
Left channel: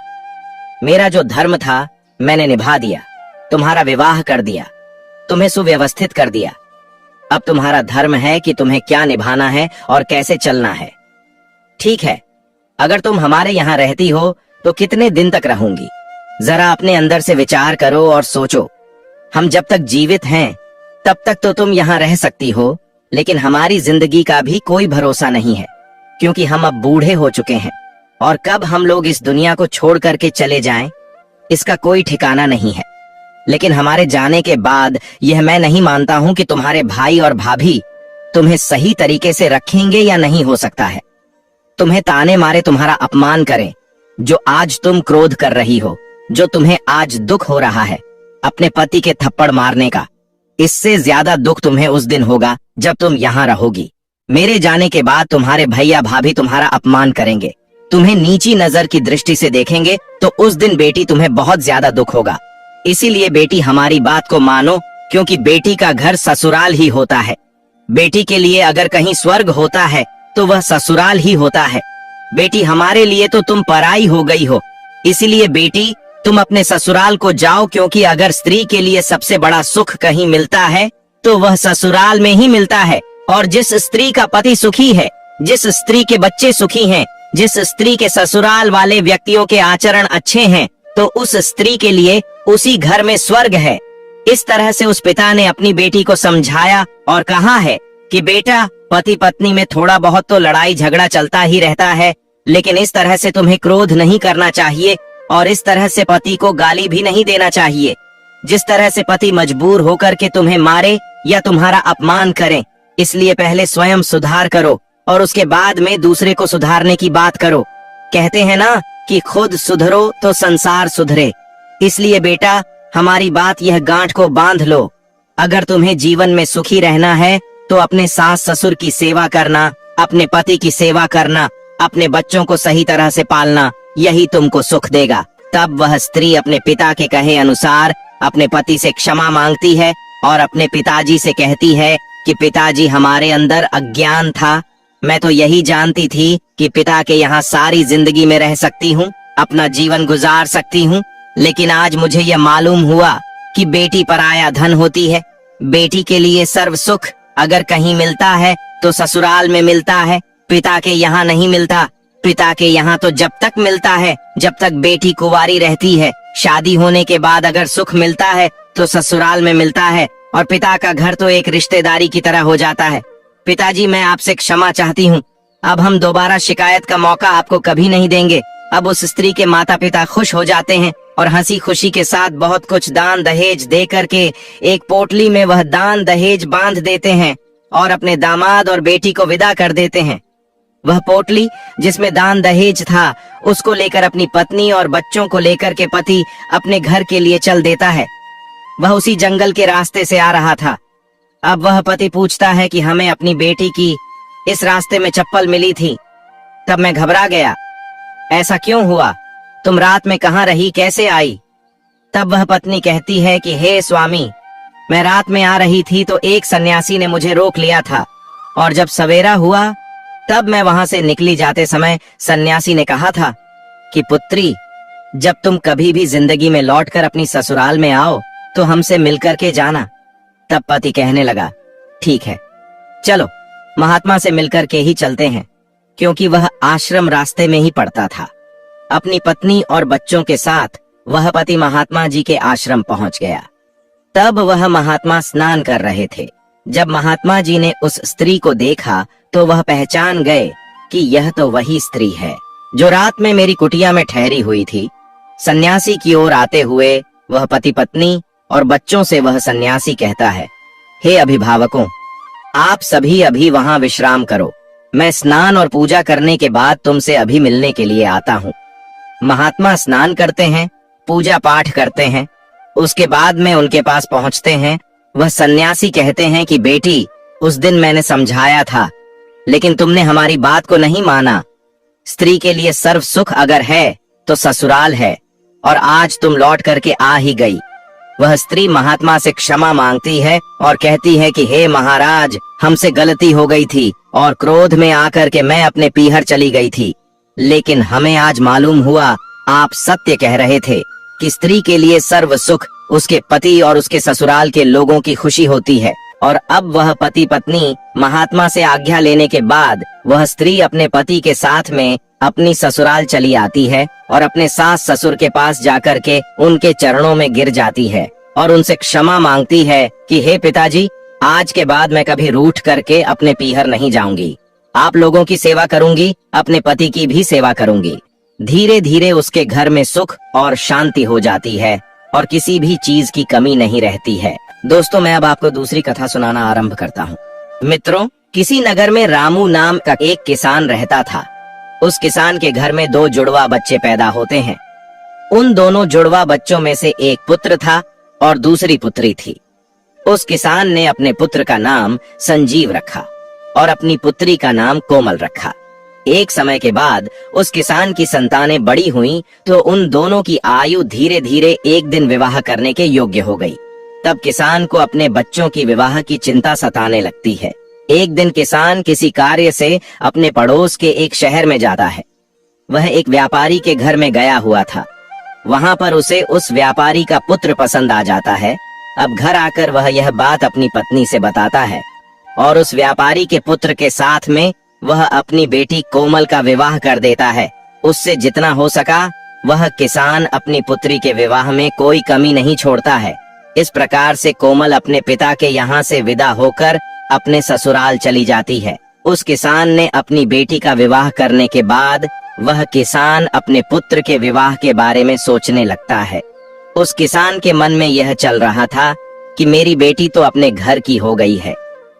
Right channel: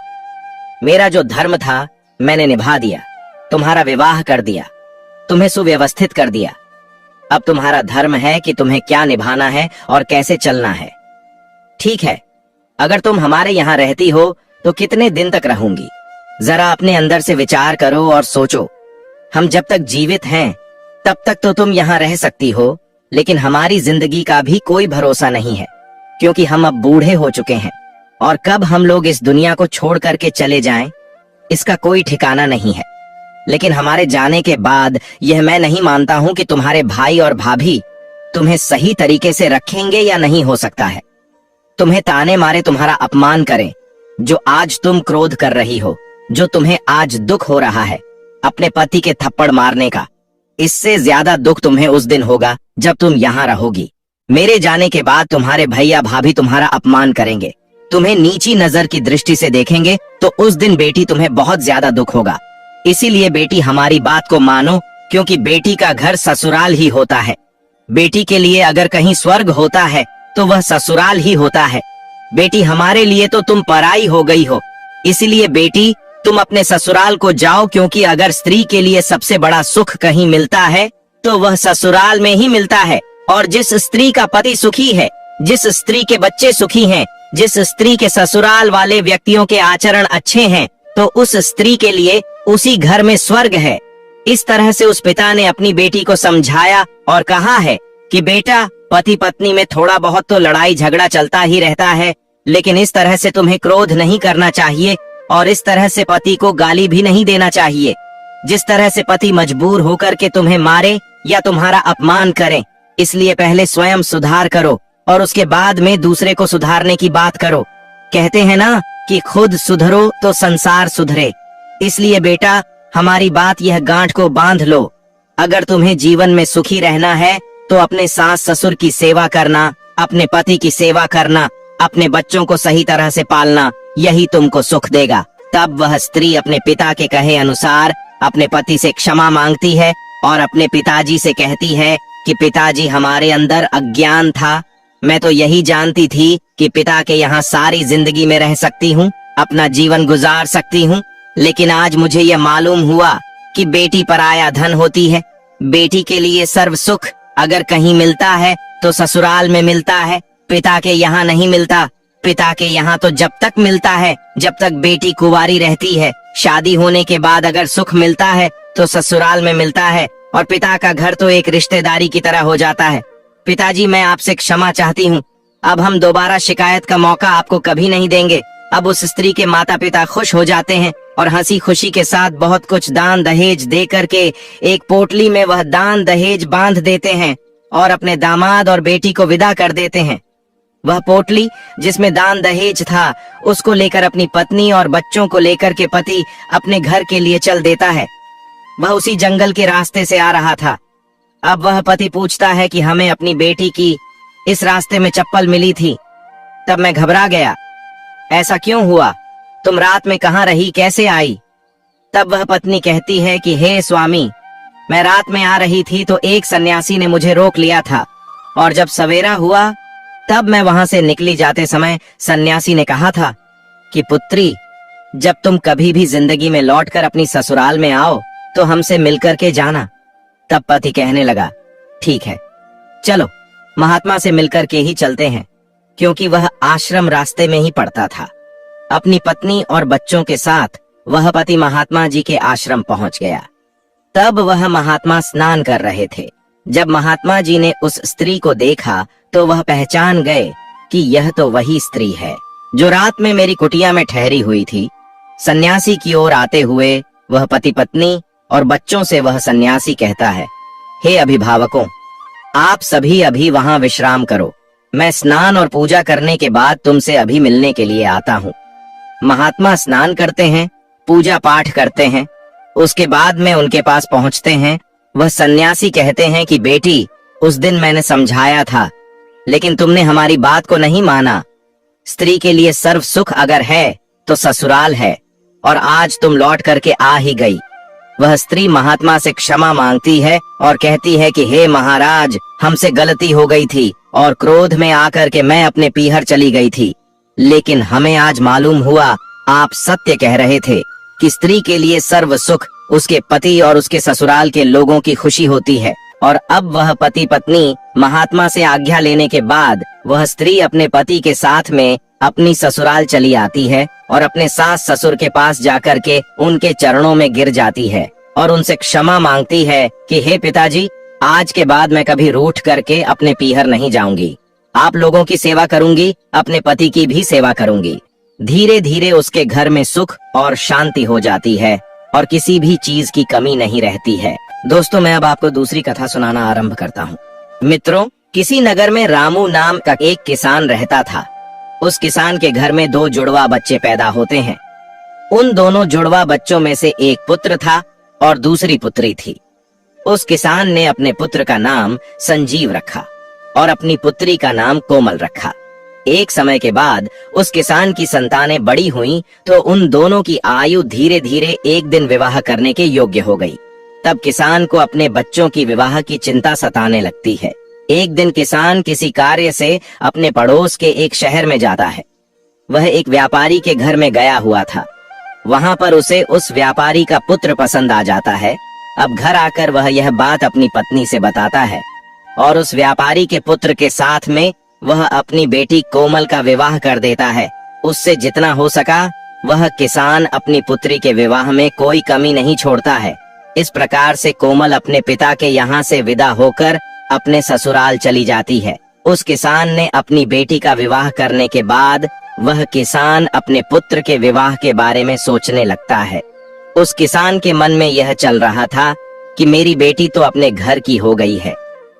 मेरा जो धर्म था मैंने निभा दिया, तुम्हारा विवाह कर दिया, तुम्हें सुव्यवस्थित कर दिया। अब तुम्हारा धर्म है कि तुम्हें क्या निभाना है और कैसे चलना है। ठीक है, अगर तुम हमारे यहाँ रहती हो तो कितने दिन तक रहूंगी? जरा अपने अंदर से विचार करो और सोचो। हम जब तक जीवित हैं तब तक तो तुम यहाँ रह सकती हो, लेकिन हमारी जिंदगी का भी कोई भरोसा नहीं है, क्योंकि हम अब बूढ़े हो चुके हैं और कब हम लोग इस दुनिया को छोड़ करके चले जाएं, इसका कोई ठिकाना नहीं है। लेकिन हमारे जाने के बाद यह मैं नहीं मानता हूं कि तुम्हारे भाई और भाभी तुम्हें सही तरीके से रखेंगे या नहीं हो सकता है। तुम्हें ताने मारे तुम्हारा अपमान करें, जो आज तुम क्रोध कर रही हो, जो तुम्हें आज दुख हो रहा है अपने पति के थप्पड़ मारने का, इससे ज्यादा दुख तुम्हें उस दिन होगा जब तुम यहाँ रहोगी। मेरे जाने के बाद तुम्हारे भैया भाभी तुम्हारा अपमान करेंगे, तुम्हें नीची नजर की दृष्टि से देखेंगे, तो उस दिन बेटी तुम्हें बहुत ज्यादा दुख होगा। इसीलिए बेटी, हमारी बात को मानो, क्योंकि बेटी का घर ससुराल ही होता है। बेटी के लिए अगर कहीं स्वर्ग होता है तो वह ससुराल ही होता है। बेटी, हमारे लिए तो तुम पराई हो गई हो। इसीलिए बेटी, तुम अपने ससुराल को जाओ, क्योंकि अगर स्त्री के लिए सबसे बड़ा सुख कहीं मिलता है तो वह ससुराल में ही मिलता है। और जिस स्त्री का पति सुखी है, जिस स्त्री के बच्चे सुखी हैं, जिस स्त्री के ससुराल वाले व्यक्तियों के आचरण अच्छे हैं, तो उस स्त्री के लिए उसी घर में स्वर्ग है। इस तरह से उस पिता ने अपनी बेटी को समझाया और कहा है कि बेटा, पति पत्नी में थोड़ा बहुत तो लड़ाई झगड़ा चलता ही रहता है, लेकिन इस तरह से तुम्हें क्रोध नहीं करना चाहिए और इस तरह से पति को गाली भी नहीं देना चाहिए। जिस तरह से पति मजबूर होकर के तुम्हें मारे या तुम्हारा अपमान करे, इसलिए पहले स्वयं सुधार करो और उसके बाद में दूसरे को सुधारने की बात करो। कहते हैं ना कि खुद सुधरो तो संसार सुधरे। इसलिए बेटा, हमारी बात यह गांठ को बांध लो। अगर तुम्हें जीवन में सुखी रहना है तो अपने सास ससुर की सेवा करना, अपने पति की सेवा करना, अपने बच्चों को सही तरह से पालना, यही तुमको सुख देगा। तब वह स्त्री अपने पिता के कहे अनुसार अपने पति से क्षमा मांगती है और अपने पिताजी से कहती है कि पिताजी, हमारे अंदर अज्ञान था। मैं तो यही जानती थी कि पिता के यहाँ सारी जिंदगी में रह सकती हूँ, अपना जीवन गुजार सकती हूँ, लेकिन आज मुझे यह मालूम हुआ कि बेटी पराया धन होती है। बेटी के लिए सर्व सुख अगर कहीं मिलता है तो ससुराल में मिलता है, पिता के यहाँ नहीं मिलता। पिता के यहाँ तो जब तक मिलता है जब तक बेटी कुंवारी रहती है। शादी होने के बाद अगर सुख मिलता है तो ससुराल में मिलता है, और पिता का घर तो एक रिश्तेदारी की तरह हो जाता है। पिताजी, मैं आपसे क्षमा चाहती हूँ। अब हम दोबारा शिकायत का मौका आपको कभी नहीं देंगे। अब उस स्त्री के माता पिता खुश हो जाते हैं और हंसी खुशी के साथ बहुत कुछ दान दहेज दे करके एक पोटली में वह दान दहेज बांध देते हैं और अपने दामाद और बेटी को विदा कर देते हैं। वह पोटली जिसमें दान दहेज था, उसको लेकर अपनी पत्नी और बच्चों को लेकर के पति अपने घर के लिए चल देता है। वह उसी जंगल के रास्ते से आ रहा था। अब वह पति पूछता है कि हमें अपनी बेटी की इस रास्ते में चप्पल मिली थी। तब मैं घबरा गया। ऐसा क्यों हुआ? तुम रात में कहाँ रही, कैसे आई? तब वह पत्नी कहती है कि हे स्वामी, मैं रात में आ रही थी तो एक सन्यासी ने मुझे रोक लिया था, और जब सवेरा हुआ तब मैं वहां से निकली। जाते समय सन्यासी ने कहा था कि पुत्री, जब तुम कभी भी जिंदगी में लौटकर अपनी ससुराल में आओ तो हमसे मिलकर के जाना। तब पति कहने लगा, ठीक है, चलो महात्मा से मिलकर के ही चलते हैं, क्योंकि वह आश्रम रास्ते में ही पड़ता था। अपनी पत्नी और बच्चों के साथ वह पति महात्मा जी के आश्रम पहुंच गया। तब वह महात्मा स्नान कर रहे थे। जब महात्मा जी ने उस स्त्री को देखा तो वह पहचान गए कि यह तो वही स्त्री है जो रात में मेरी कुटिया में ठहरी हुई थी। सन्यासी की ओर आते हुए वह पति पत्नी और बच्चों से वह सन्यासी कहता है, हे अभिभावकों, आप सभी अभी वहां विश्राम करो। मैं स्नान और पूजा करने के बाद तुमसे अभी मिलने के लिए आता हूँ। महात्मा स्नान करते हैं, पूजा पाठ करते हैं, उसके बाद में उनके पास पहुंचते हैं। वह सन्यासी कहते हैं कि बेटी, उस दिन मैंने समझाया था, लेकिन तुमने हमारी बात को नहीं माना। स्त्री के लिए सर्व सुख अगर है तो ससुराल है, और आज तुम लौट करके आ ही गई। वह स्त्री महात्मा से क्षमा मांगती है और कहती है कि हे महाराज, हमसे गलती हो गई थी और क्रोध में आकर के मैं अपने पीहर चली गई थी, लेकिन हमें आज मालूम हुआ आप सत्य कह रहे थे कि स्त्री के लिए सर्व सुख उसके पति और उसके ससुराल के लोगों की खुशी होती है। और अब वह पति पत्नी महात्मा से आज्ञा लेने के बाद वह स्त्री अपने पति के साथ में अपनी ससुराल चली आती है और अपने सास ससुर के पास जाकर के उनके चरणों में गिर जाती है और उनसे क्षमा मांगती है कि हे पिताजी, आज के बाद मैं कभी रूठ करके अपने पीहर नहीं जाऊंगी। आप लोगों की सेवा करूंगी, अपने पति की भी सेवा करूंगी। धीरे धीरे उसके घर में सुख और शांति हो जाती है और किसी भी चीज की कमी नहीं रहती है। दोस्तों, मैं अब आपको दूसरी कथा सुनाना आरंभ करता हूँ। मित्रों, किसी नगर में रामू नाम का एक किसान रहता था। उस किसान के घर में 2 जुड़वा बच्चे पैदा होते हैं। उन दोनों जुड़वा बच्चों में से एक पुत्र था और दूसरी पुत्री थी। उस किसान ने अपने पुत्र का नाम संजीव रखा और अपनी पुत्री का नाम कोमल रखा। एक समय के बाद उस किसान की संतानें बड़ी हुईं, तो उन दोनों की आयु धीरे धीरे एक दिन विवाह करने के योग्य हो गई। तब किसान को अपने बच्चों की विवाह की चिंता सताने लगती है। एक दिन किसान किसी कार्य से अपने पड़ोस के एक शहर में जाता है। वह एक व्यापारी के घर में गया हुआ था। वहां पर उसे उस व्यापारी का पुत्र पसंद आ जाता है। अब घर आकर वह यह बात अपनी पत्नी से बताता है और उस व्यापारी के पुत्र के साथ में वह अपनी बेटी कोमल का विवाह कर देता है। उससे जितना हो सका वह किसान अपनी पुत्री के विवाह में कोई कमी नहीं छोड़ता है। इस प्रकार से कोमल अपने पिता के यहाँ से विदा होकर अपने ससुराल चली जाती है। उस किसान ने अपनी बेटी का विवाह करने के बाद वह किसान अपने पुत्र के विवाह के बारे में सोचने लगता है। उस किसान के मन में यह चल रहा था कि मेरी बेटी तो अपने घर की हो गई है,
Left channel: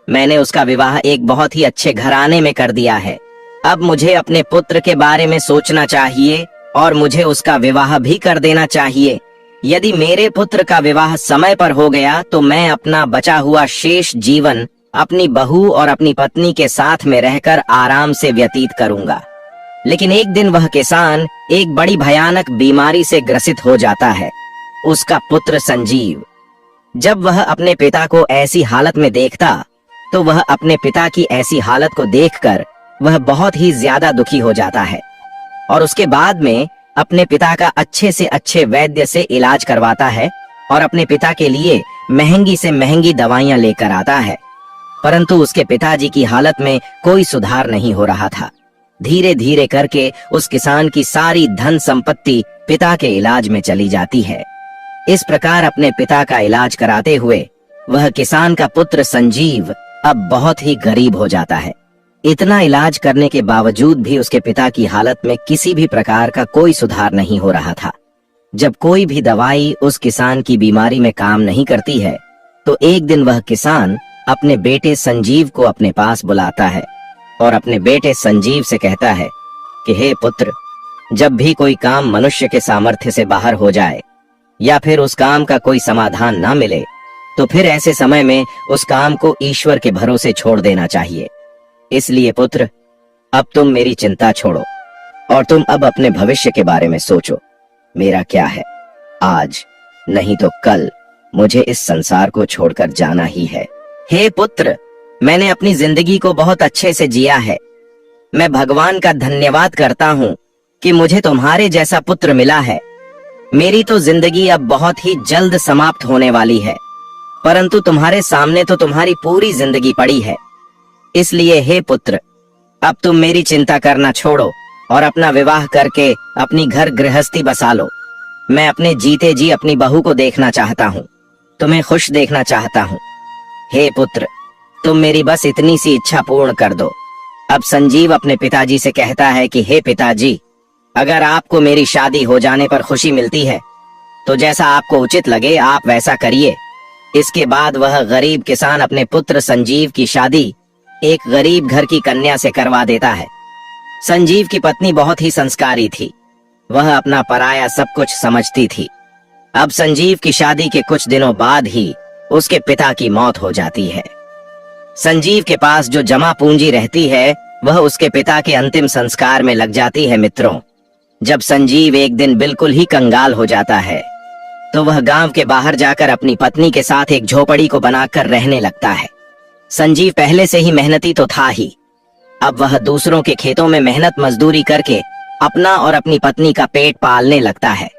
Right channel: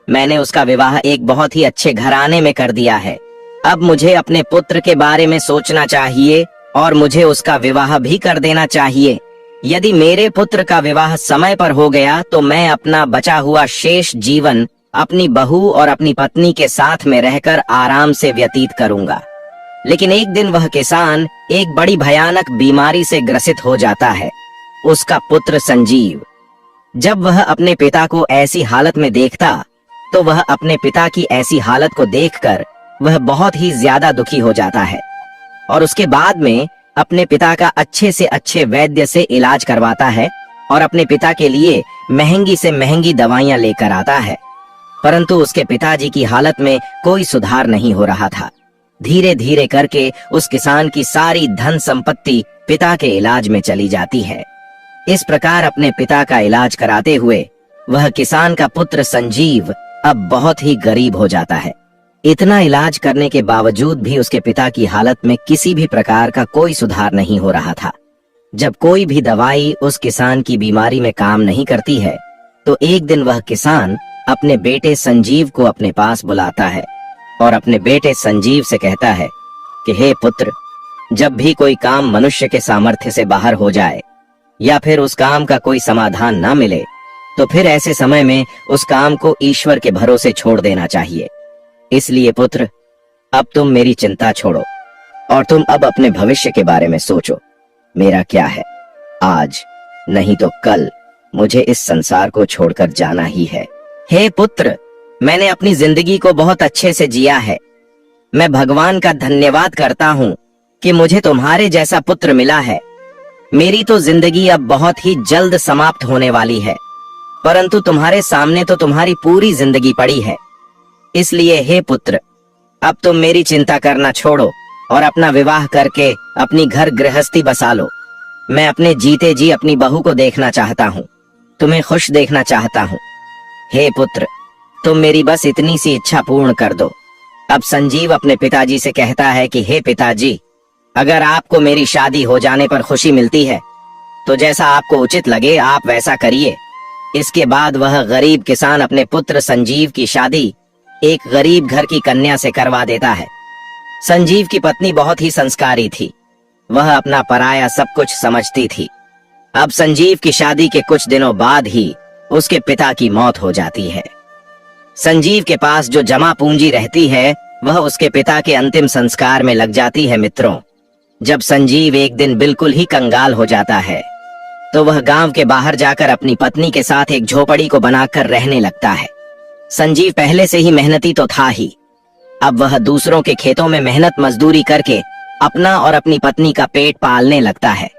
मैंने उसका विवाह एक बहुत ही अच्छे घराने में कर दिया है। अब मुझे अपने पुत्र के बारे में सोचना चाहिए और मुझे उसका विवाह भी कर देना चाहिए। यदि मेरे पुत्र का विवाह समय पर हो गया तो मैं अपना बचा हुआ शेष जीवन अपनी बहू और अपनी पत्नी के साथ में रहकर आराम से व्यतीत करूंगा। लेकिन एक दिन वह किसान एक बड़ी भयानक बीमारी से ग्रसित हो जाता है, उसका पुत्र संजीव। जब वह अपने पिता को ऐसी हालत में देखता तो वह अपने पिता की ऐसी हालत को देखकर वह बहुत ही ज्यादा दुखी हो जाता है और उसके बाद में अपने पिता का अच्छे से अच्छे वैद्य से इलाज करवाता है और अपने पिता के लिए महंगी से महंगी दवाइयां लेकर आता है, परंतु उसके पिताजी की हालत में कोई सुधार नहीं हो रहा था। धीरे धीरे करके उस किसान की सारी धन संपत्ति पिता के इलाज में चली जाती है। इस प्रकार अपने पिता का इलाज कराते हुए वह किसान का पुत्र संजीव अब बहुत ही गरीब हो जाता है। इतना इलाज करने के बावजूद भी उसके पिता की हालत में किसी भी प्रकार का कोई सुधार नहीं हो रहा था। जब कोई भी दवाई उस किसान की बीमारी में काम नहीं करती है, तो एक दिन वह किसान अपने बेटे संजीव को अपने पास बुलाता है और अपने बेटे संजीव से कहता है कि हे पुत्र, जब भी कोई काम मनुष्य के सामर्थ्य से बाहर हो जाए या फिर उस काम का कोई समाधान ना मिले, तो फिर ऐसे समय में उस काम को ईश्वर के भरोसे छोड़ देना चाहिए। इसलिए पुत्र, अब तुम मेरी चिंता छोड़ो और तुम अब अपने भविष्य के बारे में सोचो। मेरा क्या है, आज नहीं तो कल मुझे इस संसार को छोड़कर जाना ही है। हे पुत्र, मैंने अपनी जिंदगी को बहुत अच्छे से जिया है। मैं भगवान का धन्यवाद करता हूँ कि मुझे तुम्हारे जैसा पुत्र मिला है। मेरी तो जिंदगी अब बहुत ही जल्द समाप्त होने वाली है, परंतु तुम्हारे सामने तो तुम्हारी पूरी जिंदगी पड़ी है। इसलिए हे पुत्र, अब तुम मेरी चिंता करना छोड़ो और अपना विवाह करके अपनी घर गृहस्थी बसा लो। मैं अपने जीते जी अपनी बहू को देखना चाहता हूँ, तुम्हें खुश देखना चाहता हूँ। हे पुत्र, तुम मेरी बस इतनी सी इच्छा पूर्ण कर दो। अब संजीव अपने पिताजी से कहता है कि हे पिताजी, अगर आपको मेरी शादी हो जाने पर खुशी मिलती है तो जैसा आपको उचित लगे आप वैसा करिए। इसके बाद वह गरीब किसान अपने पुत्र संजीव की शादी एक गरीब घर की कन्या से करवा देता है। संजीव की पत्नी बहुत ही संस्कारी थी, वह अपना पराया सब कुछ समझती थी। अब संजीव की शादी के कुछ दिनों बाद ही उसके पिता की मौत हो जाती है। संजीव के पास जो जमा पूंजी रहती है वह उसके पिता के अंतिम संस्कार में लग जाती है। मित्रों, जब संजीव एक दिन बिल्कुल ही कंगाल हो जाता है तो वह गांव के बाहर जाकर अपनी पत्नी के साथ एक झोपड़ी को बनाकर रहने लगता है। संजीव पहले से ही मेहनती तो था ही, अब वह दूसरों के खेतों में मेहनत मजदूरी करके अपना और अपनी पत्नी का पेट पालने लगता है।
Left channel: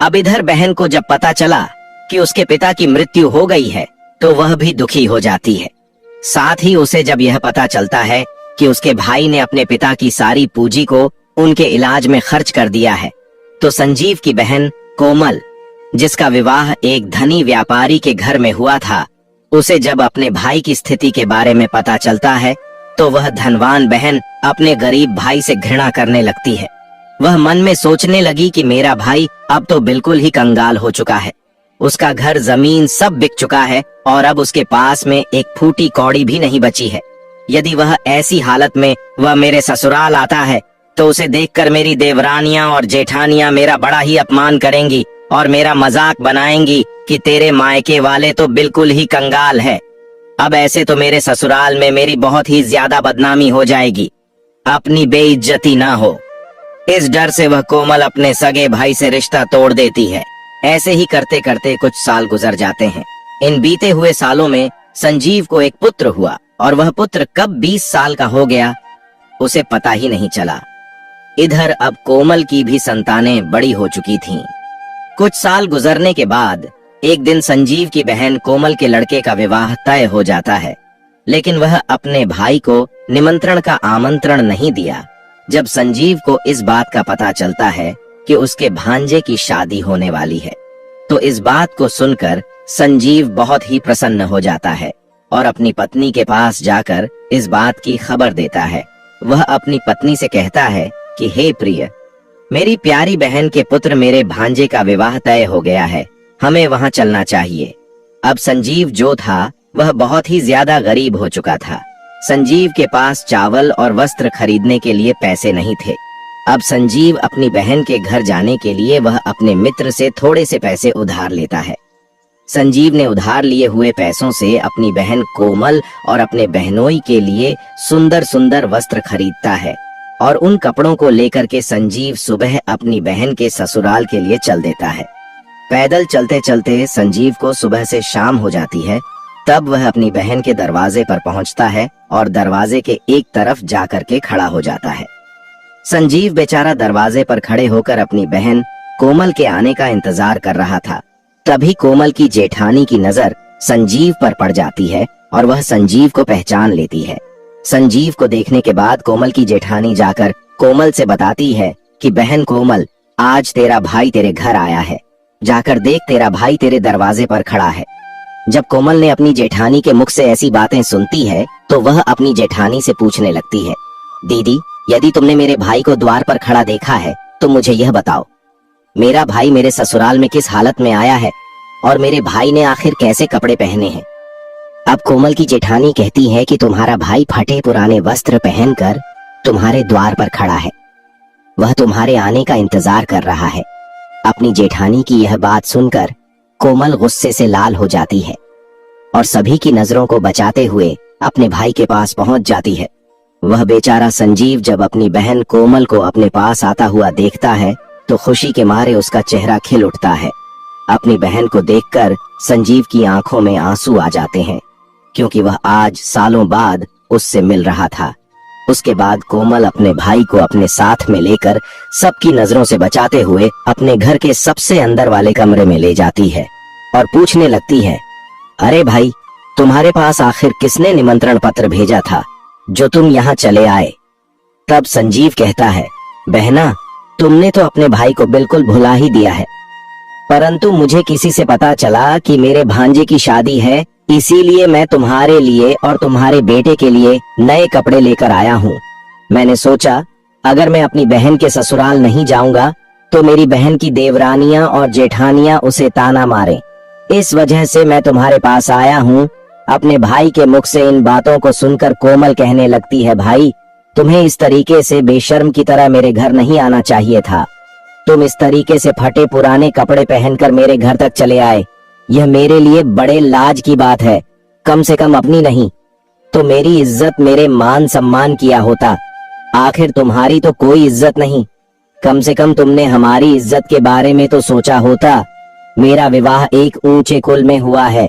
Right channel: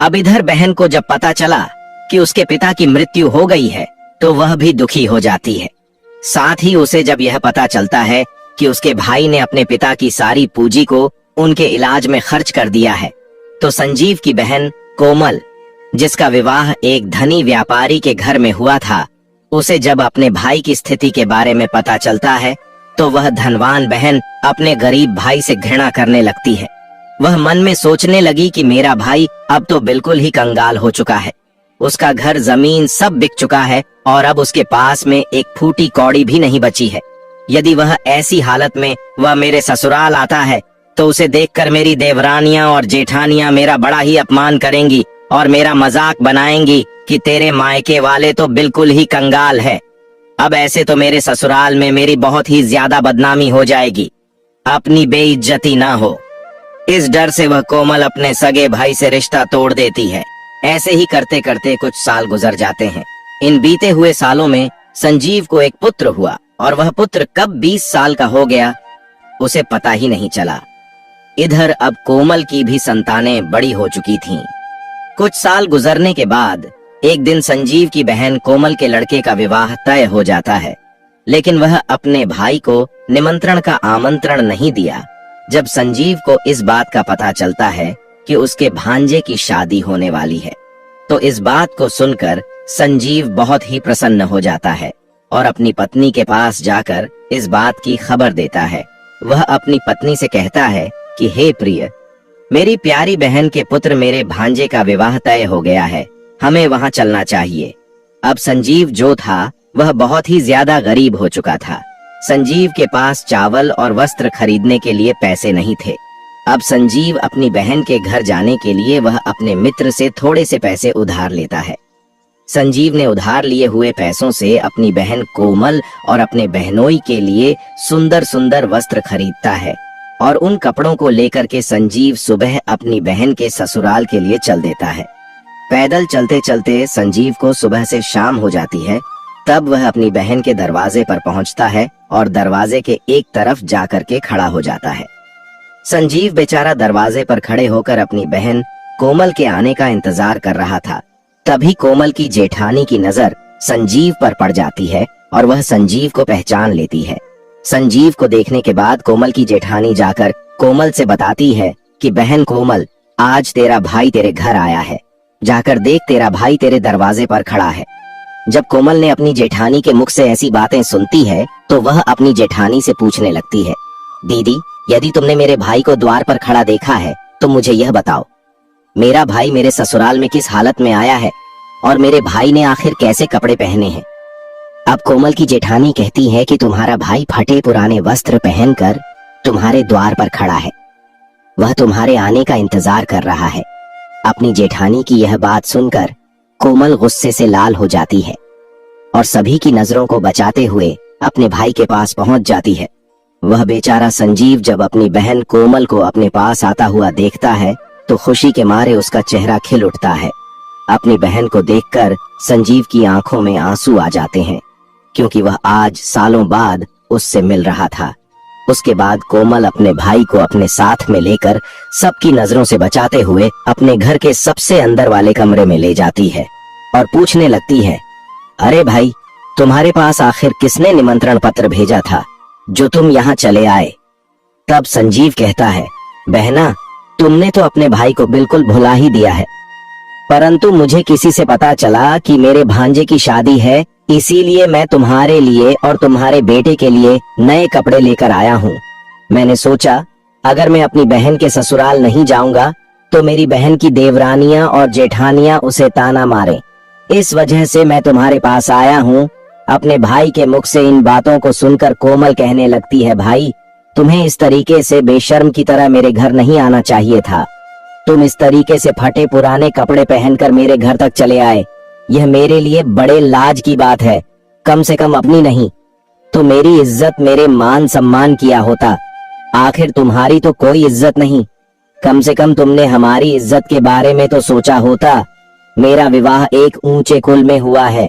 अब इधर बहन को जब पता चला कि उसके पिता की मृत्यु हो गई है तो वह भी दुखी हो जाती है। साथ ही उसे जब यह पता चलता है कि उसके भाई ने अपने पिता की सारी पूंजी को उनके इलाज में खर्च कर दिया है, तो संजीव की बहन कोमल, जिसका विवाह एक धनी व्यापारी के घर में हुआ था, उसे जब अपने भाई की स्थिति के बारे में पता चलता है तो वह धनवान बहन अपने गरीब भाई से घृणा करने लगती है। वह मन में सोचने लगी कि मेरा भाई अब तो बिल्कुल ही कंगाल हो चुका है, उसका घर जमीन सब बिक चुका है और अब उसके पास में एक फूटी कौड़ी भी नहीं बची है। यदि वह ऐसी हालत में वह मेरे ससुराल आता है तो उसे देखकर मेरी देवरानियां और जेठानियां मेरा बड़ा ही अपमान करेंगी और मेरा मजाक बनाएंगी कि तेरे मायके वाले तो बिल्कुल ही कंगाल है। अब ऐसे तो मेरे ससुराल में मेरी बहुत ही ज्यादा बदनामी हो जाएगी, अपनी बेइज्जती ना हो। इस डर से वह कोमल अपने सगे भाई से रिश्ता तोड़ देती है। ऐसे ही करते करते कुछ साल गुजर जाते हैं। इन बीते हुए सालों में संजीव को एक पुत्र हुआ और वह पुत्र कब 20 साल का हो गया उसे पता ही नहीं चला। इधर अब कोमल की भी संतानें बड़ी हो चुकी थीं। कुछ साल गुजरने के बाद एक दिन संजीव की बहन कोमल के लड़के का विवाह तय हो जाता है, लेकिन वह अपने भाई को निमंत्रण का आमंत्रण नहीं दिया। जब संजीव को इस बात का पता चलता है कि उसके भांजे की शादी होने वाली है, तो इस बात को सुनकर संजीव बहुत ही प्रसन्न हो जाता है और अपनी पत्नी के पास जाकर इस बात की खबर देता है। वह अपनी पत्नी से कहता है कि हे प्रिय, मेरी प्यारी बहन के पुत्र मेरे भांजे का विवाह तय हो गया है, हमें वहां चलना चाहिए। अब संजीव जो था वह बहुत ही ज्यादा गरीब हो चुका था। संजीव के पास चावल और वस्त्र खरीदने के लिए पैसे नहीं थे। अब संजीव अपनी बहन के घर जाने के लिए वह अपने मित्र से थोड़े से पैसे उधार लेता है। संजीव ने उधार लिए हुए पैसों से अपनी बहन कोमल और अपने बहनोई के लिए सुंदर सुंदर वस्त्र खरीदता है और उन कपड़ों को लेकर के संजीव सुबह अपनी बहन के ससुराल के लिए चल देता है। पैदल चलते चलते संजीव को सुबह से शाम हो जाती है। तब वह अपनी बहन के दरवाजे पर पहुंचता है और दरवाजे के एक तरफ जाकर के खड़ा हो जाता है। संजीव बेचारा दरवाजे पर खड़े होकर अपनी बहन कोमल के आने का इंतजार कर रहा था। तभी कोमल की जेठानी की नजर संजीव पर पड़ जाती है और वह संजीव को पहचान लेती है। संजीव को देखने के बाद कोमल की जेठानी जाकर कोमल से बताती है कि बहन कोमल, आज तेरा भाई तेरे घर आया है, जाकर देख तेरा भाई तेरे दरवाजे पर खड़ा है। जब कोमल ने अपनी जेठानी के मुख से ऐसी बातें सुनती है तो वह अपनी जेठानी से पूछने लगती है, दीदी, यदि तुमने मेरे भाई को द्वार पर खड़ा देखा है तो मुझे यह बताओ, मेरा भाई मेरे ससुराल में किस हालत में आया है और मेरे भाई ने आखिर कैसे कपड़े पहने हैं। अब कोमल की जेठानी कहती है कि तुम्हारा भाई फटे पुराने वस्त्र पहनकर तुम्हारे द्वार पर खड़ा है, वह तुम्हारे आने का इंतजार कर रहा है। अपनी जेठानी की यह बात सुनकर कोमल गुस्से से लाल हो जाती है और सभी की नजरों को बचाते हुए अपने भाई के पास पहुंच जाती है। वह बेचारा संजीव जब अपनी बहन कोमल को अपने पास आता हुआ देखता है तो खुशी के मारे उसका चेहरा खिल उठता है। अपनी बहन को देखकर संजीव की आंखों में आंसू आ जाते हैं, क्योंकि वह आज सालों बाद उससे मिल रहा था। उसके बाद कोमल अपने भाई को अपने साथ में लेकर सबकी नजरों से बचाते हुए अपने घर के सबसे अंदर वाले कमरे में ले जाती है और पूछने लगती है, अरे भाई, तुम्हारे पास आखिर किसने निमंत्रण पत्र भेजा था जो तुम यहाँ चले आए। तब संजीव कहता है, बहना, तुमने तो अपने भाई को बिल्कुल भुला ही दिया है, परंतु मुझे किसी से पता चला कि मेरे भांजे की शादी है, इसीलिए मैं तुम्हारे लिए और तुम्हारे बेटे के लिए नए कपड़े लेकर आया हूँ। मैंने सोचा अगर मैं अपनी बहन के ससुराल नहीं जाऊंगा तो मेरी बहन की देवरानियां और जेठानियां उसे ताना मारें, इस वजह से मैं तुम्हारे पास आया हूँ। अपने भाई के मुख से इन बातों को सुनकर कोमल कहने लगती है, भाई, तुम्हें इस तरीके से बेशर्म की तरह मेरे घर नहीं आना चाहिए था। तुम इस तरीके से फटे पुराने कपड़े पहनकर मेरे घर तक चले आए, यह मेरे लिए बड़े लाज की बात है। कम से कम अपनी नहीं तो मेरी इज्जत, मेरे मान सम्मान किया होता। आखिर तुम्हारी तो कोई इज्जत नहीं, कम से कम तुमने हमारी इज्जत के बारे में तो सोचा होता। मेरा विवाह एक ऊंचे कुल में हुआ है,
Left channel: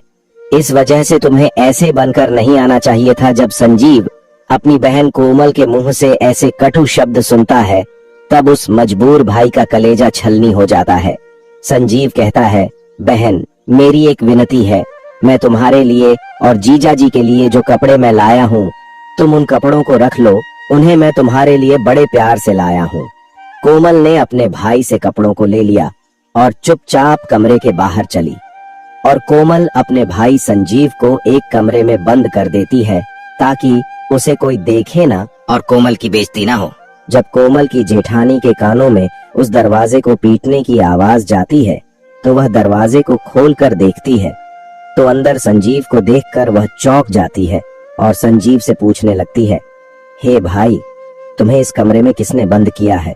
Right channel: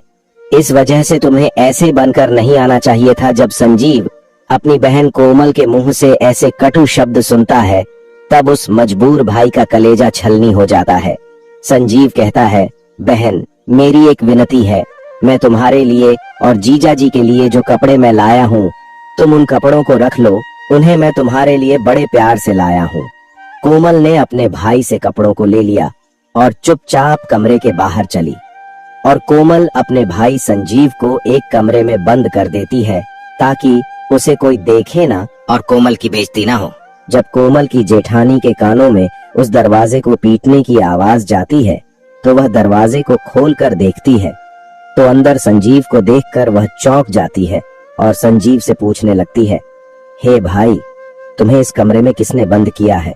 इस वजह से तुम्हें ऐसे बनकर नहीं आना चाहिए था। जब संजीव अपनी बहन कोमल के मुंह से ऐसे कटु शब्द सुनता है तब उस मजबूर भाई का कलेजा छलनी हो जाता है। संजीव कहता है, बहन, मेरी एक विनती है, मैं तुम्हारे लिए और जीजा जी के लिए जो कपड़े मैं लाया हूँ, तुम उन कपड़ों को रख लो, उन्हें मैं तुम्हारे लिए बड़े प्यार से लाया हूँ। कोमल ने अपने भाई से कपड़ों को ले लिया और चुपचाप कमरे के बाहर चली और कोमल अपने भाई संजीव को एक कमरे में बंद कर देती है ताकि उसे कोई देखे ना और कोमल की बेइज्जती ना हो। जब कोमल की जेठानी के कानों में उस दरवाजे को पीटने की आवाज जाती है तो वह दरवाजे को खोलकर देखती है तो अंदर संजीव को देखकर वह चौंक जाती है और संजीव से पूछने लगती है, हे भाई, तुम्हें इस कमरे में किसने बंद किया है।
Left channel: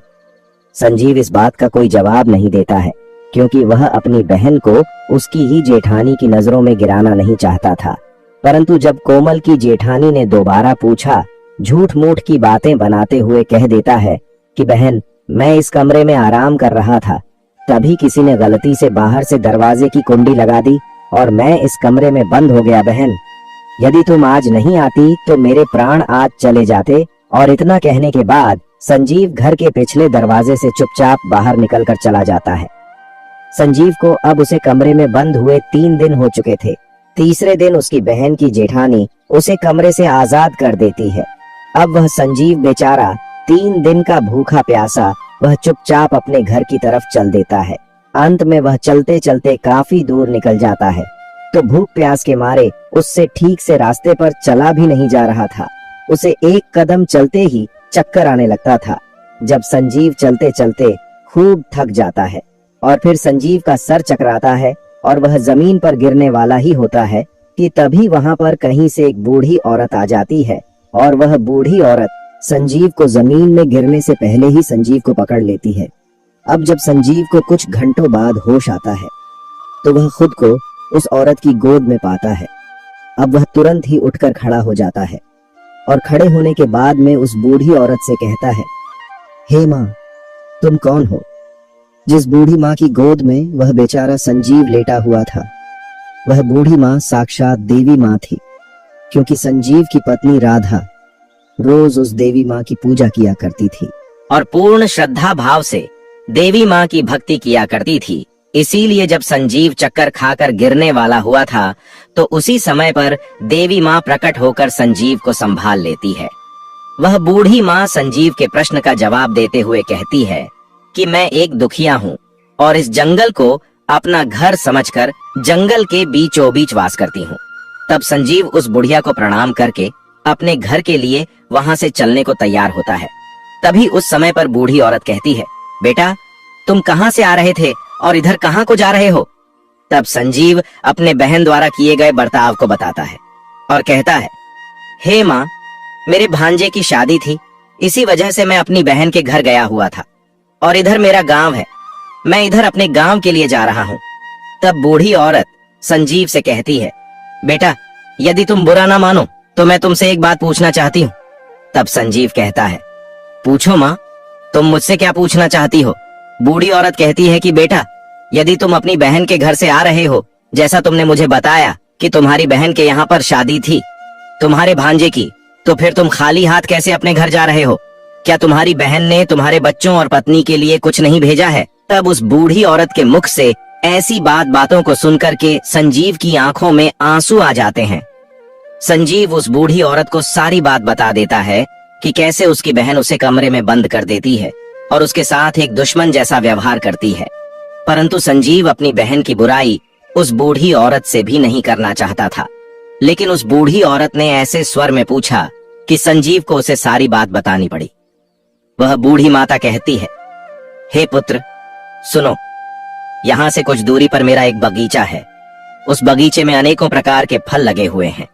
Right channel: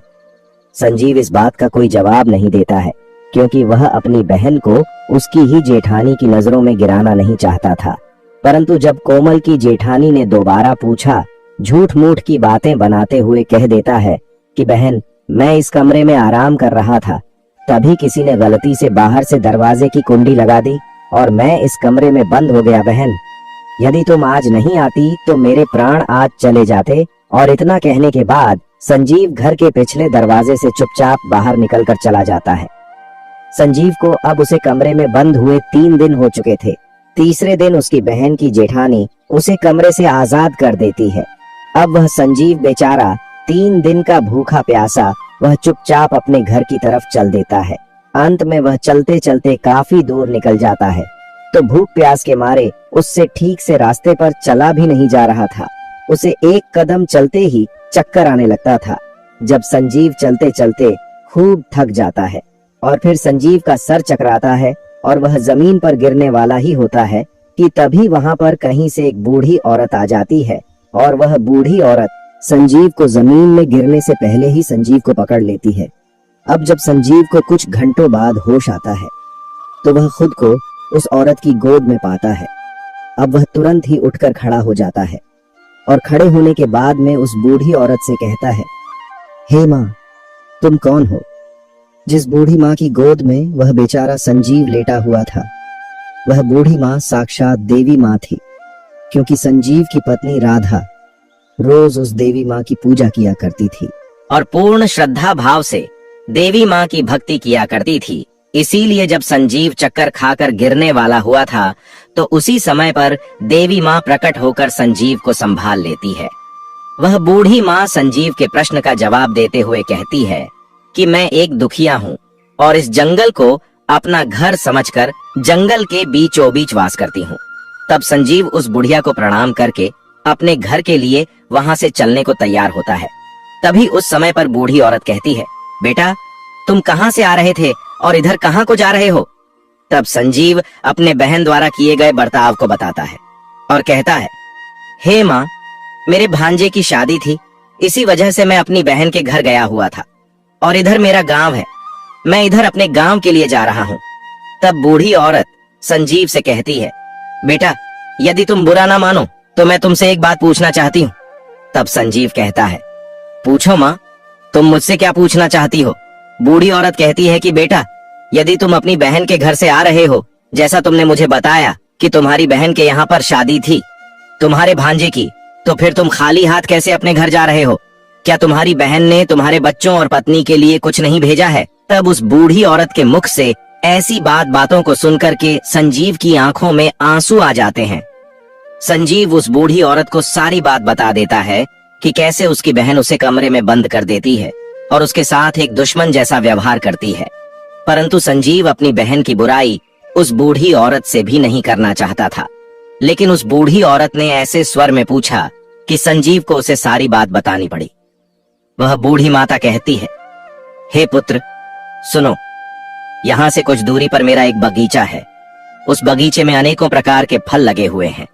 संजीव इस बात का कोई जवाब नहीं देता है क्योंकि वह अपनी बहन को उसकी ही जेठानी की नजरों में गिराना नहीं चाहता था। परंतु जब कोमल की जेठानी ने दोबारा पूछा, झूठ मूठ की बातें बनाते हुए कह देता है कि बहन, मैं इस कमरे में आराम कर रहा था, तभी किसी ने गलती से बाहर से दरवाजे की कुंडी लगा दी और मैं इस कमरे में बंद हो गया। बहन, यदि तुम आज नहीं आती तो मेरे प्राण आज चले जाते। और इतना कहने के बाद संजीव घर के पिछले दरवाजे से चुपचाप बाहर निकलकर चला जाता है। संजीव को अब उसे कमरे में बंद हुए 3 दिन हो चुके थे। तीसरे दिन उसकी बहन की जेठानी उसे कमरे से आजाद कर देती है। अब वह संजीव बेचारा 3 दिन का भूखा प्यासा वह चुपचाप अपने घर की तरफ चल देता है। अंत में वह चलते चलते काफी दूर निकल जाता है तो भूख प्यास के मारे उससे ठीक से रास्ते पर चला भी नहीं जा रहा था। उसे एक कदम चलते ही चक्कर आने लगता था। जब संजीव चलते चलते खूब थक जाता है और फिर संजीव का सर चकराता है और वह जमीन पर गिरने वाला ही होता है कि तभी वहां पर कहीं से एक बूढ़ी औरत आ जाती है और वह बूढ़ी औरत संजीव को जमीन में गिरने से पहले ही संजीव को पकड़ लेती है। अब जब संजीव को कुछ घंटों बाद होश आता है तो वह खुद को उस औरत की गोद में पाता है। अब वह तुरंत ही उठकर खड़ा हो जाता है और खड़े होने के बाद में उस बूढ़ी औरत से कहता है, हे माँ, तुम कौन हो। जिस बूढ़ी माँ की गोद में वह बेचारा संजीव लेटा हुआ था, वह बूढ़ी माँ साक्षात देवी माँ थी, क्योंकि संजीव की पत्नी राधा रोज उस देवी माँ की पूजा किया करती थी और पूर्ण श्रद्धा भाव से देवी माँ की भक्ति किया करती थी। इसीलिए जब संजीव चक्कर खाकर गिरने वाला हुआ था तो उसी समय पर देवी माँ प्रकट होकर संजीव को संभाल लेती है। वह बूढ़ी माँ संजीव के प्रश्न का जवाब देते हुए कहती है कि मैं एक दुखिया हूँ और इस जंगल को अपना घर समझकर जंगल के बीचों बीच वास करती हूँ। तब संजीव उस बुढ़िया को प्रणाम करके अपने घर के लिए वहां से चलने को तैयार होता है। तभी उस समय पर बूढ़ी औरत कहती है, बेटा तुम कहाँ से आ रहे थे और इधर कहाँ को जा रहे हो? तब संजीव अपने बहन द्वारा किए गए बर्ताव को बताता है और कहता है, हे माँ, मेरे भांजे की शादी थी, इसी वजह से मैं अपनी बहन के घर गया हुआ था और इधर मेरा गांव है, मैं इधर अपने गांव के लिए जा रहा हूँ। तब बूढ़ी औरत संजीव से कहती है, बेटा यदि तुम बुरा ना मानो तो मैं तुमसे एक बात पूछना चाहती हूँ। तब संजीव कहता है, पूछो माँ, तुम मुझसे क्या पूछना चाहती हो? बूढ़ी औरत कहती है कि बेटा यदि तुम अपनी बहन के घर से आ रहे हो, जैसा तुमने मुझे बताया कि तुम्हारी बहन के यहाँ पर शादी थी तुम्हारे भांजे की, तो फिर तुम खाली हाथ कैसे अपने घर जा रहे हो? क्या तुम्हारी बहन ने तुम्हारे बच्चों और पत्नी के लिए कुछ नहीं भेजा है? तब उस बूढ़ी औरत के मुख से ऐसी बातों को सुनकर के संजीव की आंखों में आंसू आ जाते हैं। संजीव उस बूढ़ी औरत को सारी बात बता देता है कि कैसे उसकी बहन उसे कमरे में बंद कर देती है और उसके साथ एक दुश्मन जैसा व्यवहार करती है। परंतु संजीव अपनी बहन की बुराई उस बूढ़ी औरत से भी नहीं करना चाहता था। लेकिन उस बूढ़ी औरत ने ऐसे स्वर में पूछा कि संजीव को उसे सारी बात बतानी पड़ी। वह बूढ़ी माता कहती है, हे पुत्र सुनो, यहाँ से कुछ दूरी पर मेरा एक बगीचा है। उस बगीचे में अनेकों प्रकार के फल लगे हुए हैं।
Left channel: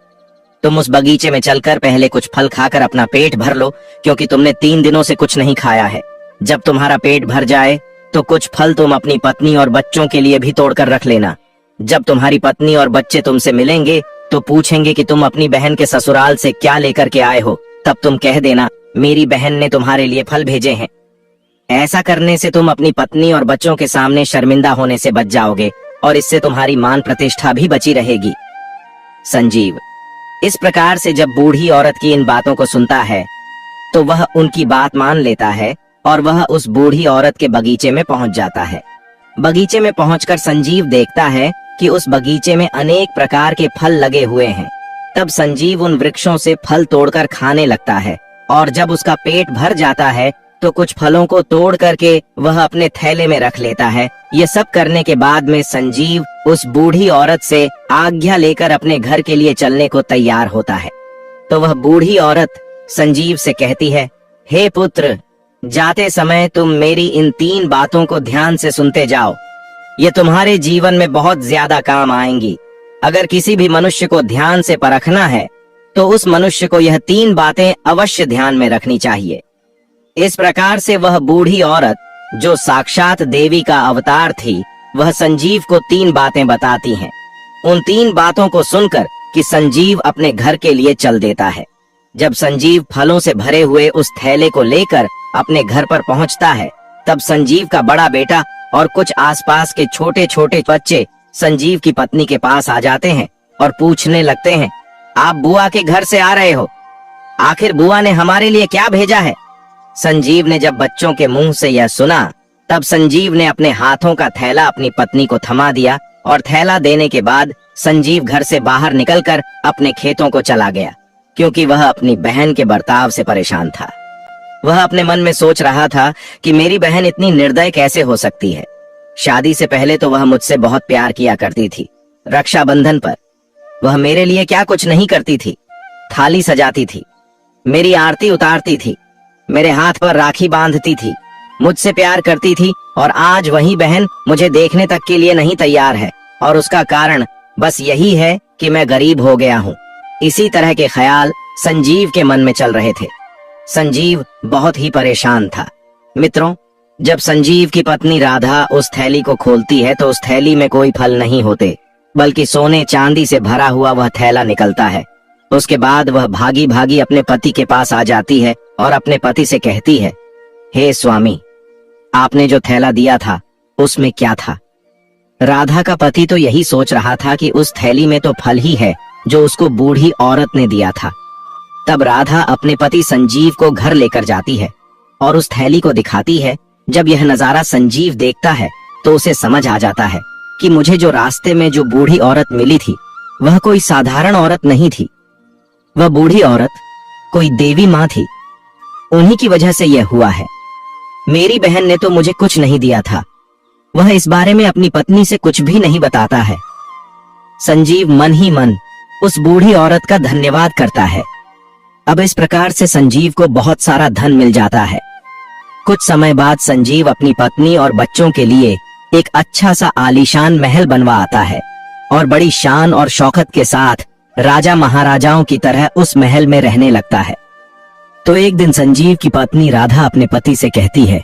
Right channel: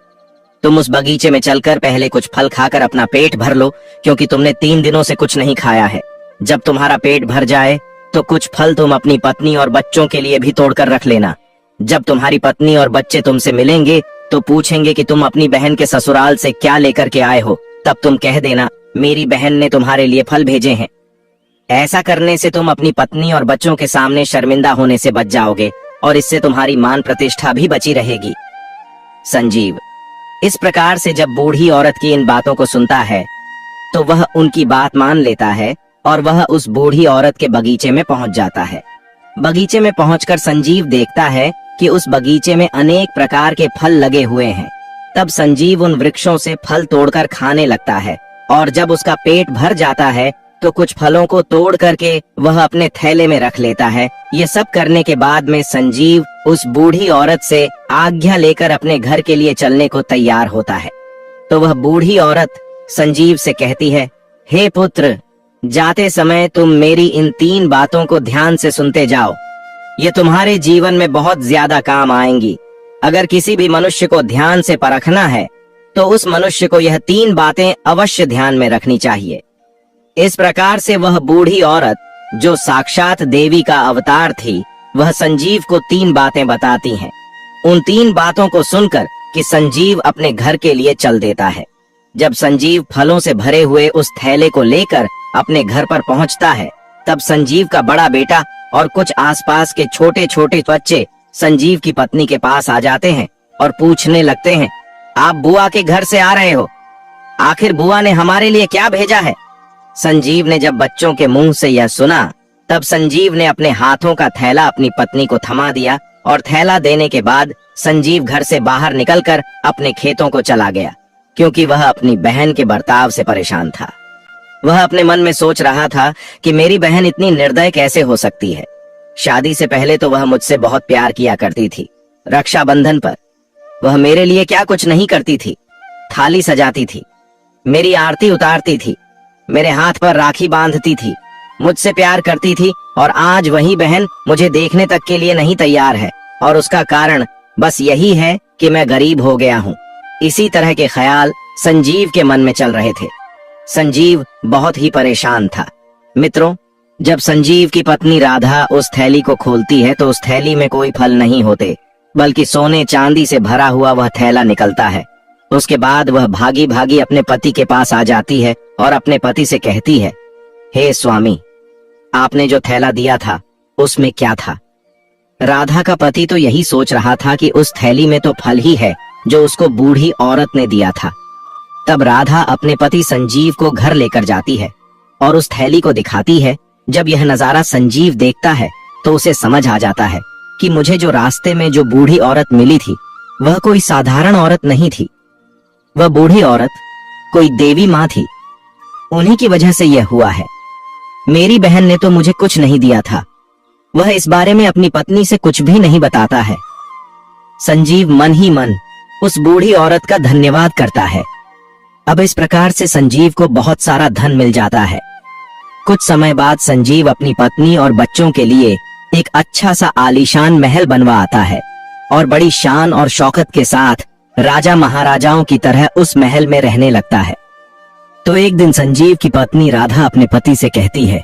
तुम उस बगीचे में चलकर पहले कुछ फल खाकर अपना पेट भर लो, क्योंकि तुमने 3 दिनों से कुछ नहीं खाया है। जब तुम्हारा पेट भर जाए तो कुछ फल तुम अपनी पत्नी और बच्चों के लिए भी तोड़कर रख लेना। जब तुम्हारी पत्नी और बच्चे तुमसे मिलेंगे तो पूछेंगे कि तुम अपनी बहन के ससुराल से क्या लेकर के आए हो, तब तुम कह देना मेरी बहन ने तुम्हारे लिए फल भेजे हैं। ऐसा करने से तुम अपनी पत्नी और बच्चों के सामने शर्मिंदा होने से बच जाओगे और इससे तुम्हारी मान प्रतिष्ठा भी बची रहेगी। संजीव इस प्रकार से जब बूढ़ी औरत की इन बातों को सुनता है तो वह उनकी बात मान लेता है और वह उस बूढ़ी औरत के बगीचे में पहुंच जाता है। बगीचे में पहुंचकर संजीव देखता है कि उस बगीचे में अनेक प्रकार के फल लगे हुए हैं। तब संजीव उन वृक्षों से फल तोड़कर खाने लगता है और जब उसका पेट भर जाता है तो कुछ फलों को तोड़ करके वह अपने थैले में रख लेता है। ये सब करने के बाद में संजीव उस बूढ़ी औरत से आज्ञा लेकर अपने घर के लिए चलने को तैयार होता है। तो वह बूढ़ी औरत संजीव से कहती है, हे पुत्र, जाते समय तुम मेरी इन 3 बातों को ध्यान से सुनते जाओ। ये तुम्हारे जीवन में बहुत ज्यादा काम आएंगी। अगर किसी भी मनुष्य को ध्यान से परखना है तो उस मनुष्य को यह 3 बातें अवश्य ध्यान में रखनी चाहिए। इस प्रकार से वह बूढ़ी औरत, जो साक्षात देवी का अवतार थी, वह संजीव को 3 बातें बताती हैं। उन 3 बातों को सुनकर कि संजीव अपने घर के लिए चल देता है। जब संजीव फलों से भरे हुए उस थैले को लेकर अपने घर पर पहुंचता है, तब संजीव का बड़ा बेटा और कुछ आसपास के छोटे छोटे बच्चे संजीव की पत्नी के पास आ जाते हैं और पूछने लगते हैं, आप बुआ के घर से आ रहे हो? आखिर बुआ ने हमारे लिए क्या भेजा है? संजीव ने जब बच्चों के मुंह से यह सुना, तब संजीव ने अपने हाथों का थैला अपनी पत्नी को थमा दिया और थैला देने के बाद संजीव घर से बाहर निकलकर अपने खेतों को चला गया, क्योंकि वह अपनी बहन के बर्ताव से परेशान था। वह अपने मन में सोच रहा था कि मेरी बहन इतनी निर्दय कैसे हो सकती है। शादी से पहले तो वह मुझसे बहुत प्यार किया करती थी। रक्षाबंधन पर वह मेरे लिए क्या कुछ नहीं करती थी। थाली सजाती थी, मेरी आरती उतारती थी, मेरे हाथ पर राखी बांधती थी, मुझसे प्यार करती थी, और आज वही बहन मुझे देखने तक के लिए नहीं तैयार है। और उसका कारण बस यही है कि मैं गरीब हो गया हूँ। इसी तरह के ख्याल संजीव के मन में चल रहे थे। संजीव बहुत ही परेशान था। मित्रों, जब संजीव की पत्नी राधा उस थैली को खोलती है तो उस थैली में कोई फल नहीं होते, बल्कि सोने चांदी से भरा हुआ वह थैला निकलता है। उसके बाद वह भागी भागी अपने पति के पास आ जाती है और अपने पति से कहती है, हे स्वामी, आपने जो थैला दिया था उसमें क्या था? राधा का पति तो यही सोच रहा था कि उस थैली में तो फल ही है जो उसको बूढ़ी औरत ने दिया था। तब राधा अपने पति संजीव को घर लेकर जाती है और उस थैली को दिखाती है। जब यह नजारा संजीव देखता है तो उसे समझ आ जाता है कि मुझे जो रास्ते में जो बूढ़ी औरत मिली थी वह कोई साधारण औरत नहीं थी, वह बूढ़ी औरत कोई देवी माँ थी। उन्हीं की वजह से यह हुआ है। मेरी बहन ने तो मुझे कुछ नहीं दिया था, वह इस बारे में अपनी पत्नी से कुछ भी नहीं बताता है। संजीव मन ही मन उस बूढ़ी औरत का धन्यवाद करता है। अब इस प्रकार से संजीव को बहुत सारा धन मिल जाता है। कुछ समय बाद संजीव अपनी पत्नी और बच्चों के लिए एक अच्छा सा आलीशान महल बनवा आता है और बड़ी शान और शौकत के साथ राजा महाराजाओं की तरह उस महल में रहने लगता है। तो एक दिन संजीव की पत्नी राधा अपने पति से कहती है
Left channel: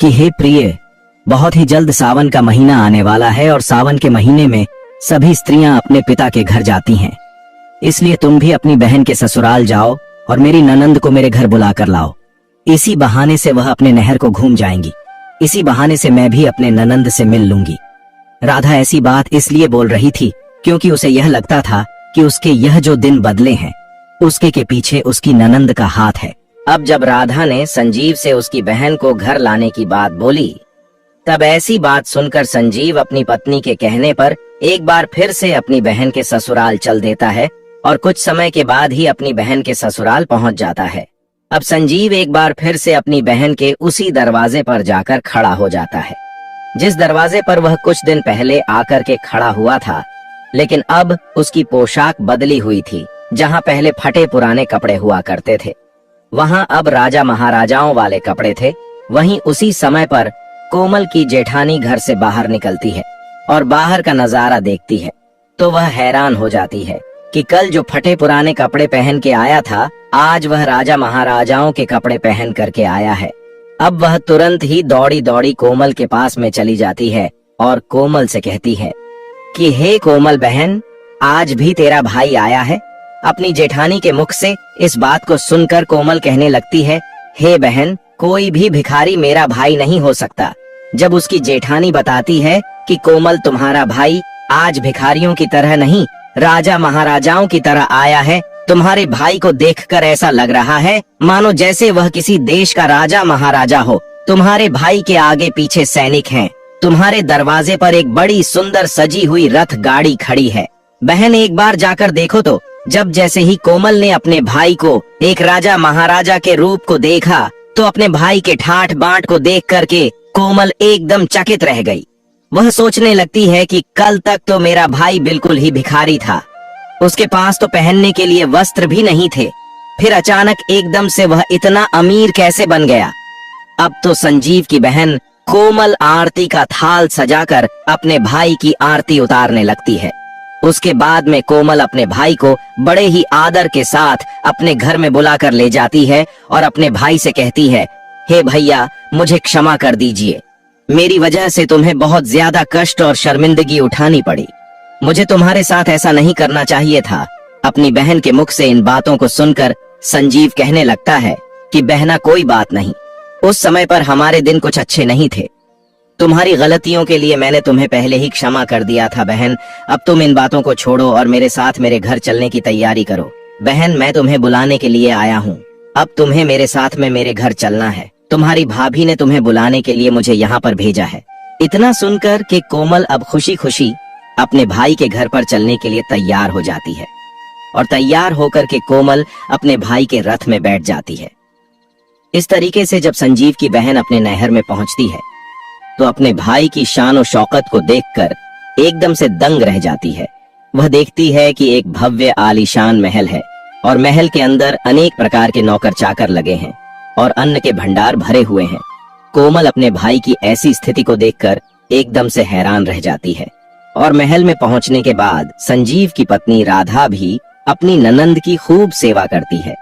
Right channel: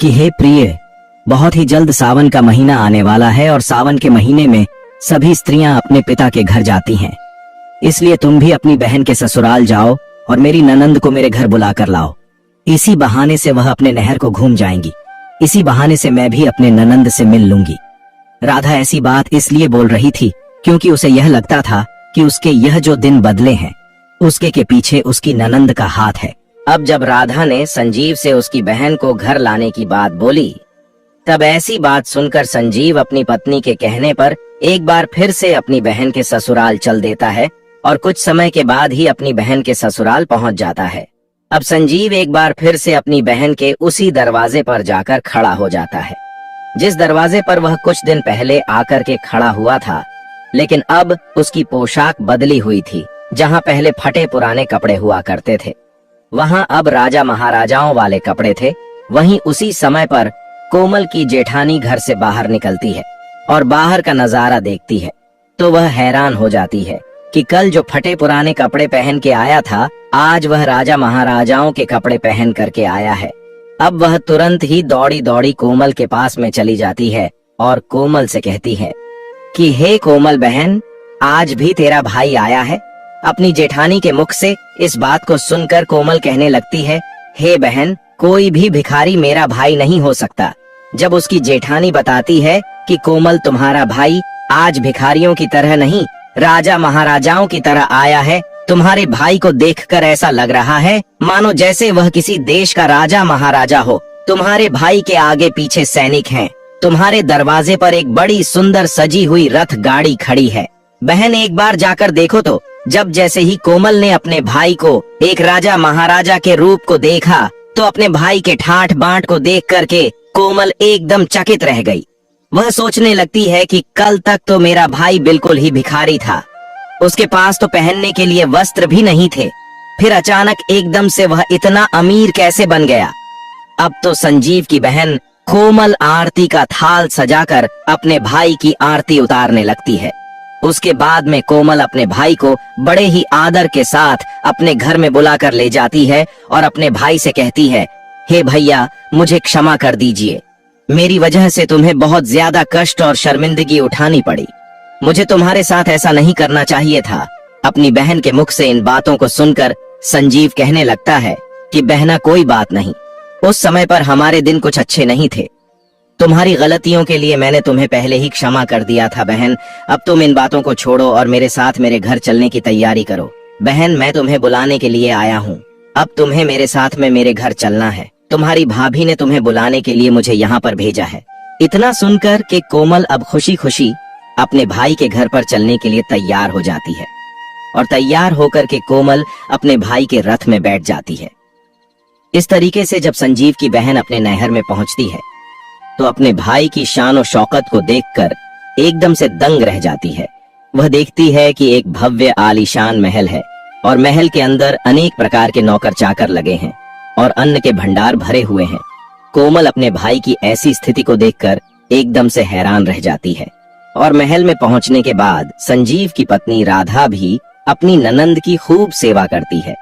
कि हे प्रिय, बहुत ही जल्द सावन का महीना आने वाला है और सावन के महीने में सभी स्त्रियां अपने पिता के घर जाती हैं। इसलिए तुम भी अपनी बहन के ससुराल जाओ और मेरी ननंद को मेरे घर बुला कर लाओ। इसी बहाने से वह अपने नहर को घूम जाएंगी, इसी बहाने से मैं भी अपने ननंद से मिल लूंगी। राधा ऐसी बात इसलिए बोल रही थी क्योंकि उसे यह लगता था कि उसके यह जो दिन बदले हैं उसके के पीछे उसकी ननंद का हाथ है। अब जब राधा ने संजीव से उसकी बहन को घर लाने की बात बोली, तब ऐसी बात सुनकर संजीव अपनी पत्नी के कहने पर एक बार फिर से अपनी बहन के ससुराल चल देता है और कुछ समय के बाद ही अपनी बहन के ससुराल पहुंच जाता है। अब संजीव एक बार फिर से अपनी बहन के उसी दरवाजे पर जाकर खड़ा हो जाता है, जिस दरवाजे पर वह कुछ दिन पहले आकर के खड़ा हुआ था। लेकिन अब उसकी पोशाक बदली हुई थी। जहां पहले फटे पुराने कपड़े हुआ करते थे, वहां अब राजा महाराजाओं वाले कपड़े थे। वहीं उसी समय पर कोमल की जेठानी घर से बाहर निकलती है और बाहर का नजारा देखती है तो वह हैरान हो जाती है कि कल जो फटे पुराने कपड़े पहन के आया था, आज वह राजा महाराजाओं के कपड़े पहन करके आया है। अब वह तुरंत ही दौड़ी दौड़ी कोमल के पास में चली जाती है और कोमल से कहती है कि हे कोमल बहन, आज भी तेरा भाई आया है। अपनी जेठानी के मुख से इस बात को सुनकर कोमल कहने लगती है, हे बहन, कोई भी भिखारी मेरा भाई नहीं हो सकता। जब उसकी जेठानी बताती है कि कोमल तुम्हारा भाई आज भिखारियों की तरह नहीं, राजा महाराजाओं की तरह आया है, तुम्हारे भाई को देखकर ऐसा लग रहा है मानो जैसे वह किसी देश का राजा महाराजा हो। तुम्हारे भाई के आगे पीछे सैनिक हैं। तुम्हारे दरवाजे पर एक बड़ी सुंदर सजी हुई रथ गाड़ी खड़ी है। बहन, एक बार जाकर देखो तो। जब जैसे ही कोमल ने अपने भाई को एक राजा महाराजा के रूप को देखा तो अपने भाई के ठाठ बांट को देख करके कोमल एकदम चकित रह गई। वह सोचने लगती है कि कल तक तो मेरा भाई बिल्कुल ही भिखारी था, उसके पास तो पहनने के लिए वस्त्र भी नहीं थे, फिर अचानक एकदम से वह इतना अमीर कैसे बन गया। अब तो संजीव की बहन कोमल आरती का थाल सजाकर अपने भाई की आरती उतारने लगती है। उसके बाद में कोमल अपने भाई को बड़े ही आदर के साथ अपने घर में बुलाकर ले जाती है और अपने भाई से कहती है, हे भैया, मुझे क्षमा कर दीजिए, मेरी वजह से तुम्हें बहुत ज्यादा कष्ट और शर्मिंदगी उठानी पड़ी। मुझे तुम्हारे साथ ऐसा नहीं करना चाहिए था। अपनी बहन के मुख से इन बातों को सुनकर संजीव कहने लगता है कि बहना, कोई बात नहीं, उस समय पर हमारे दिन कुछ अच्छे नहीं थे। तुम्हारी गलतियों के लिए मैंने तुम्हें पहले ही क्षमा कर दिया था बहन। अब तुम इन बातों को छोड़ो और मेरे साथ मेरे घर चलने की तैयारी करो। बहन, मैं तुम्हें बुलाने के लिए आया हूँ। अब तुम्हें मेरे साथ में मेरे घर चलना है। तुम्हारी भाभी ने तुम्हें बुलाने के लिए मुझे यहाँ पर भेजा है। इतना सुनकर कि कोमल अब खुशी खुशी अपने भाई के घर पर चलने के लिए तैयार हो जाती है और तैयार होकर के कोमल अपने भाई के रथ में बैठ जाती है। इस तरीके से जब संजीव की बहन अपने नहर में पहुंचती है तो अपने भाई की शान और शौकत को देखकर एकदम से दंग रह जाती है। वह देखती है कि एक भव्य आलीशान महल है और महल के अंदर अनेक प्रकार के नौकर चाकर लगे हैं और अन्न के भंडार भरे हुए हैं। कोमल अपने भाई की ऐसी स्थिति को देखकर एकदम से हैरान रह जाती है और महल में पहुंचने के बाद संजीव की पत्नी राधा भी अपनी ननंद की खूब सेवा करती है।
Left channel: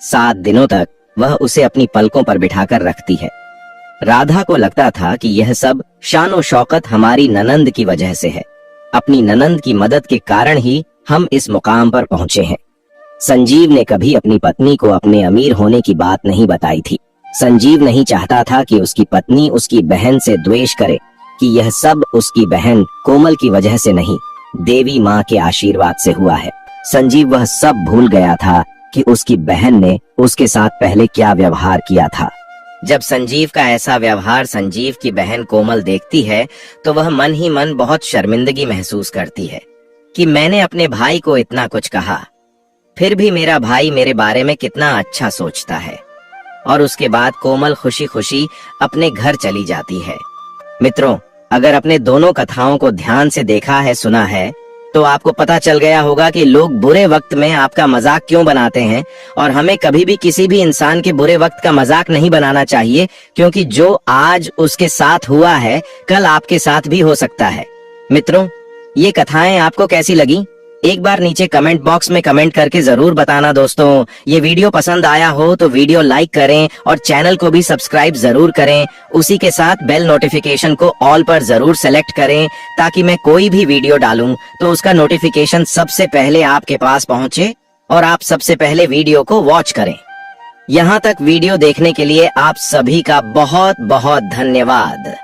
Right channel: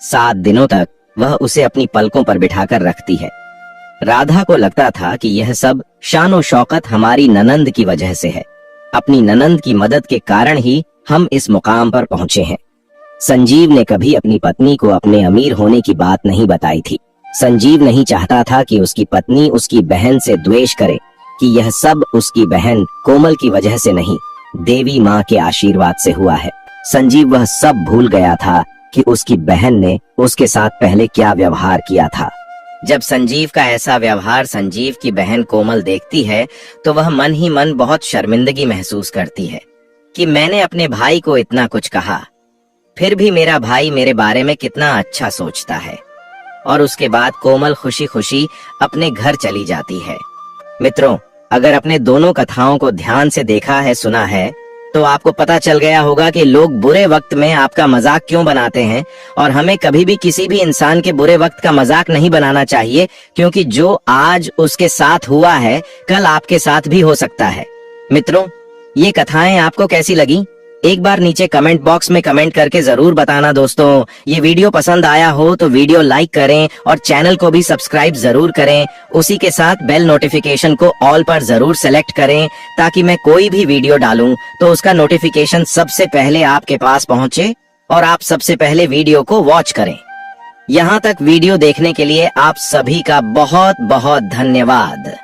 7 दिनों तक वह उसे अपनी पलकों पर बिठाकर रखती है। राधा को लगता था कि यह सब शान शौकत हमारी ननंद की वजह से है। अपनी ननंद की मदद के कारण ही हम इस मुकाम पर पहुंचे हैं। संजीव ने कभी अपनी पत्नी को अपने अमीर होने की बात नहीं बताई थी। संजीव नहीं चाहता था कि उसकी पत्नी उसकी बहन से द्वेष करे कि यह सब उसकी बहन कोमल की वजह से नहीं, देवी माँ के आशीर्वाद से हुआ है। संजीव वह सब भूल गया था कि उसकी बहन ने उसके साथ पहले क्या व्यवहार किया था। जब संजीव का ऐसा व्यवहार संजीव की बहन कोमल देखती है तो वह मन ही मन बहुत शर्मिंदगी महसूस करती है कि मैंने अपने भाई को इतना कुछ कहा, फिर भी मेरा भाई मेरे बारे में कितना अच्छा सोचता है। और उसके बाद कोमल खुशी खुशी अपने घर चली जाती है। मित्रों, अगर अपने दोनों कथाओं को ध्यान से देखा है, सुना है, तो आपको पता चल गया होगा कि लोग बुरे वक्त में आपका मजाक क्यों बनाते हैं। और हमें कभी भी किसी भी इंसान के बुरे वक्त का मजाक नहीं बनाना चाहिए, क्योंकि जो आज उसके साथ हुआ है कल आपके साथ भी हो सकता है। मित्रों, ये कथाएं आपको कैसी लगी? एक बार नीचे कमेंट बॉक्स में कमेंट करके जरूर बताना। दोस्तों, ये वीडियो पसंद आया हो तो वीडियो लाइक करें और चैनल को भी सब्सक्राइब जरूर करें। उसी के साथ बेल नोटिफिकेशन को ऑल पर जरूर सेलेक्ट करें, ताकि मैं कोई भी वीडियो डालूं तो उसका नोटिफिकेशन सबसे पहले आपके पास पहुंचे और आप सबसे पहले वीडियो को वॉच करें। यहाँ तक वीडियो देखने के लिए आप सभी का बहुत बहुत धन्यवाद।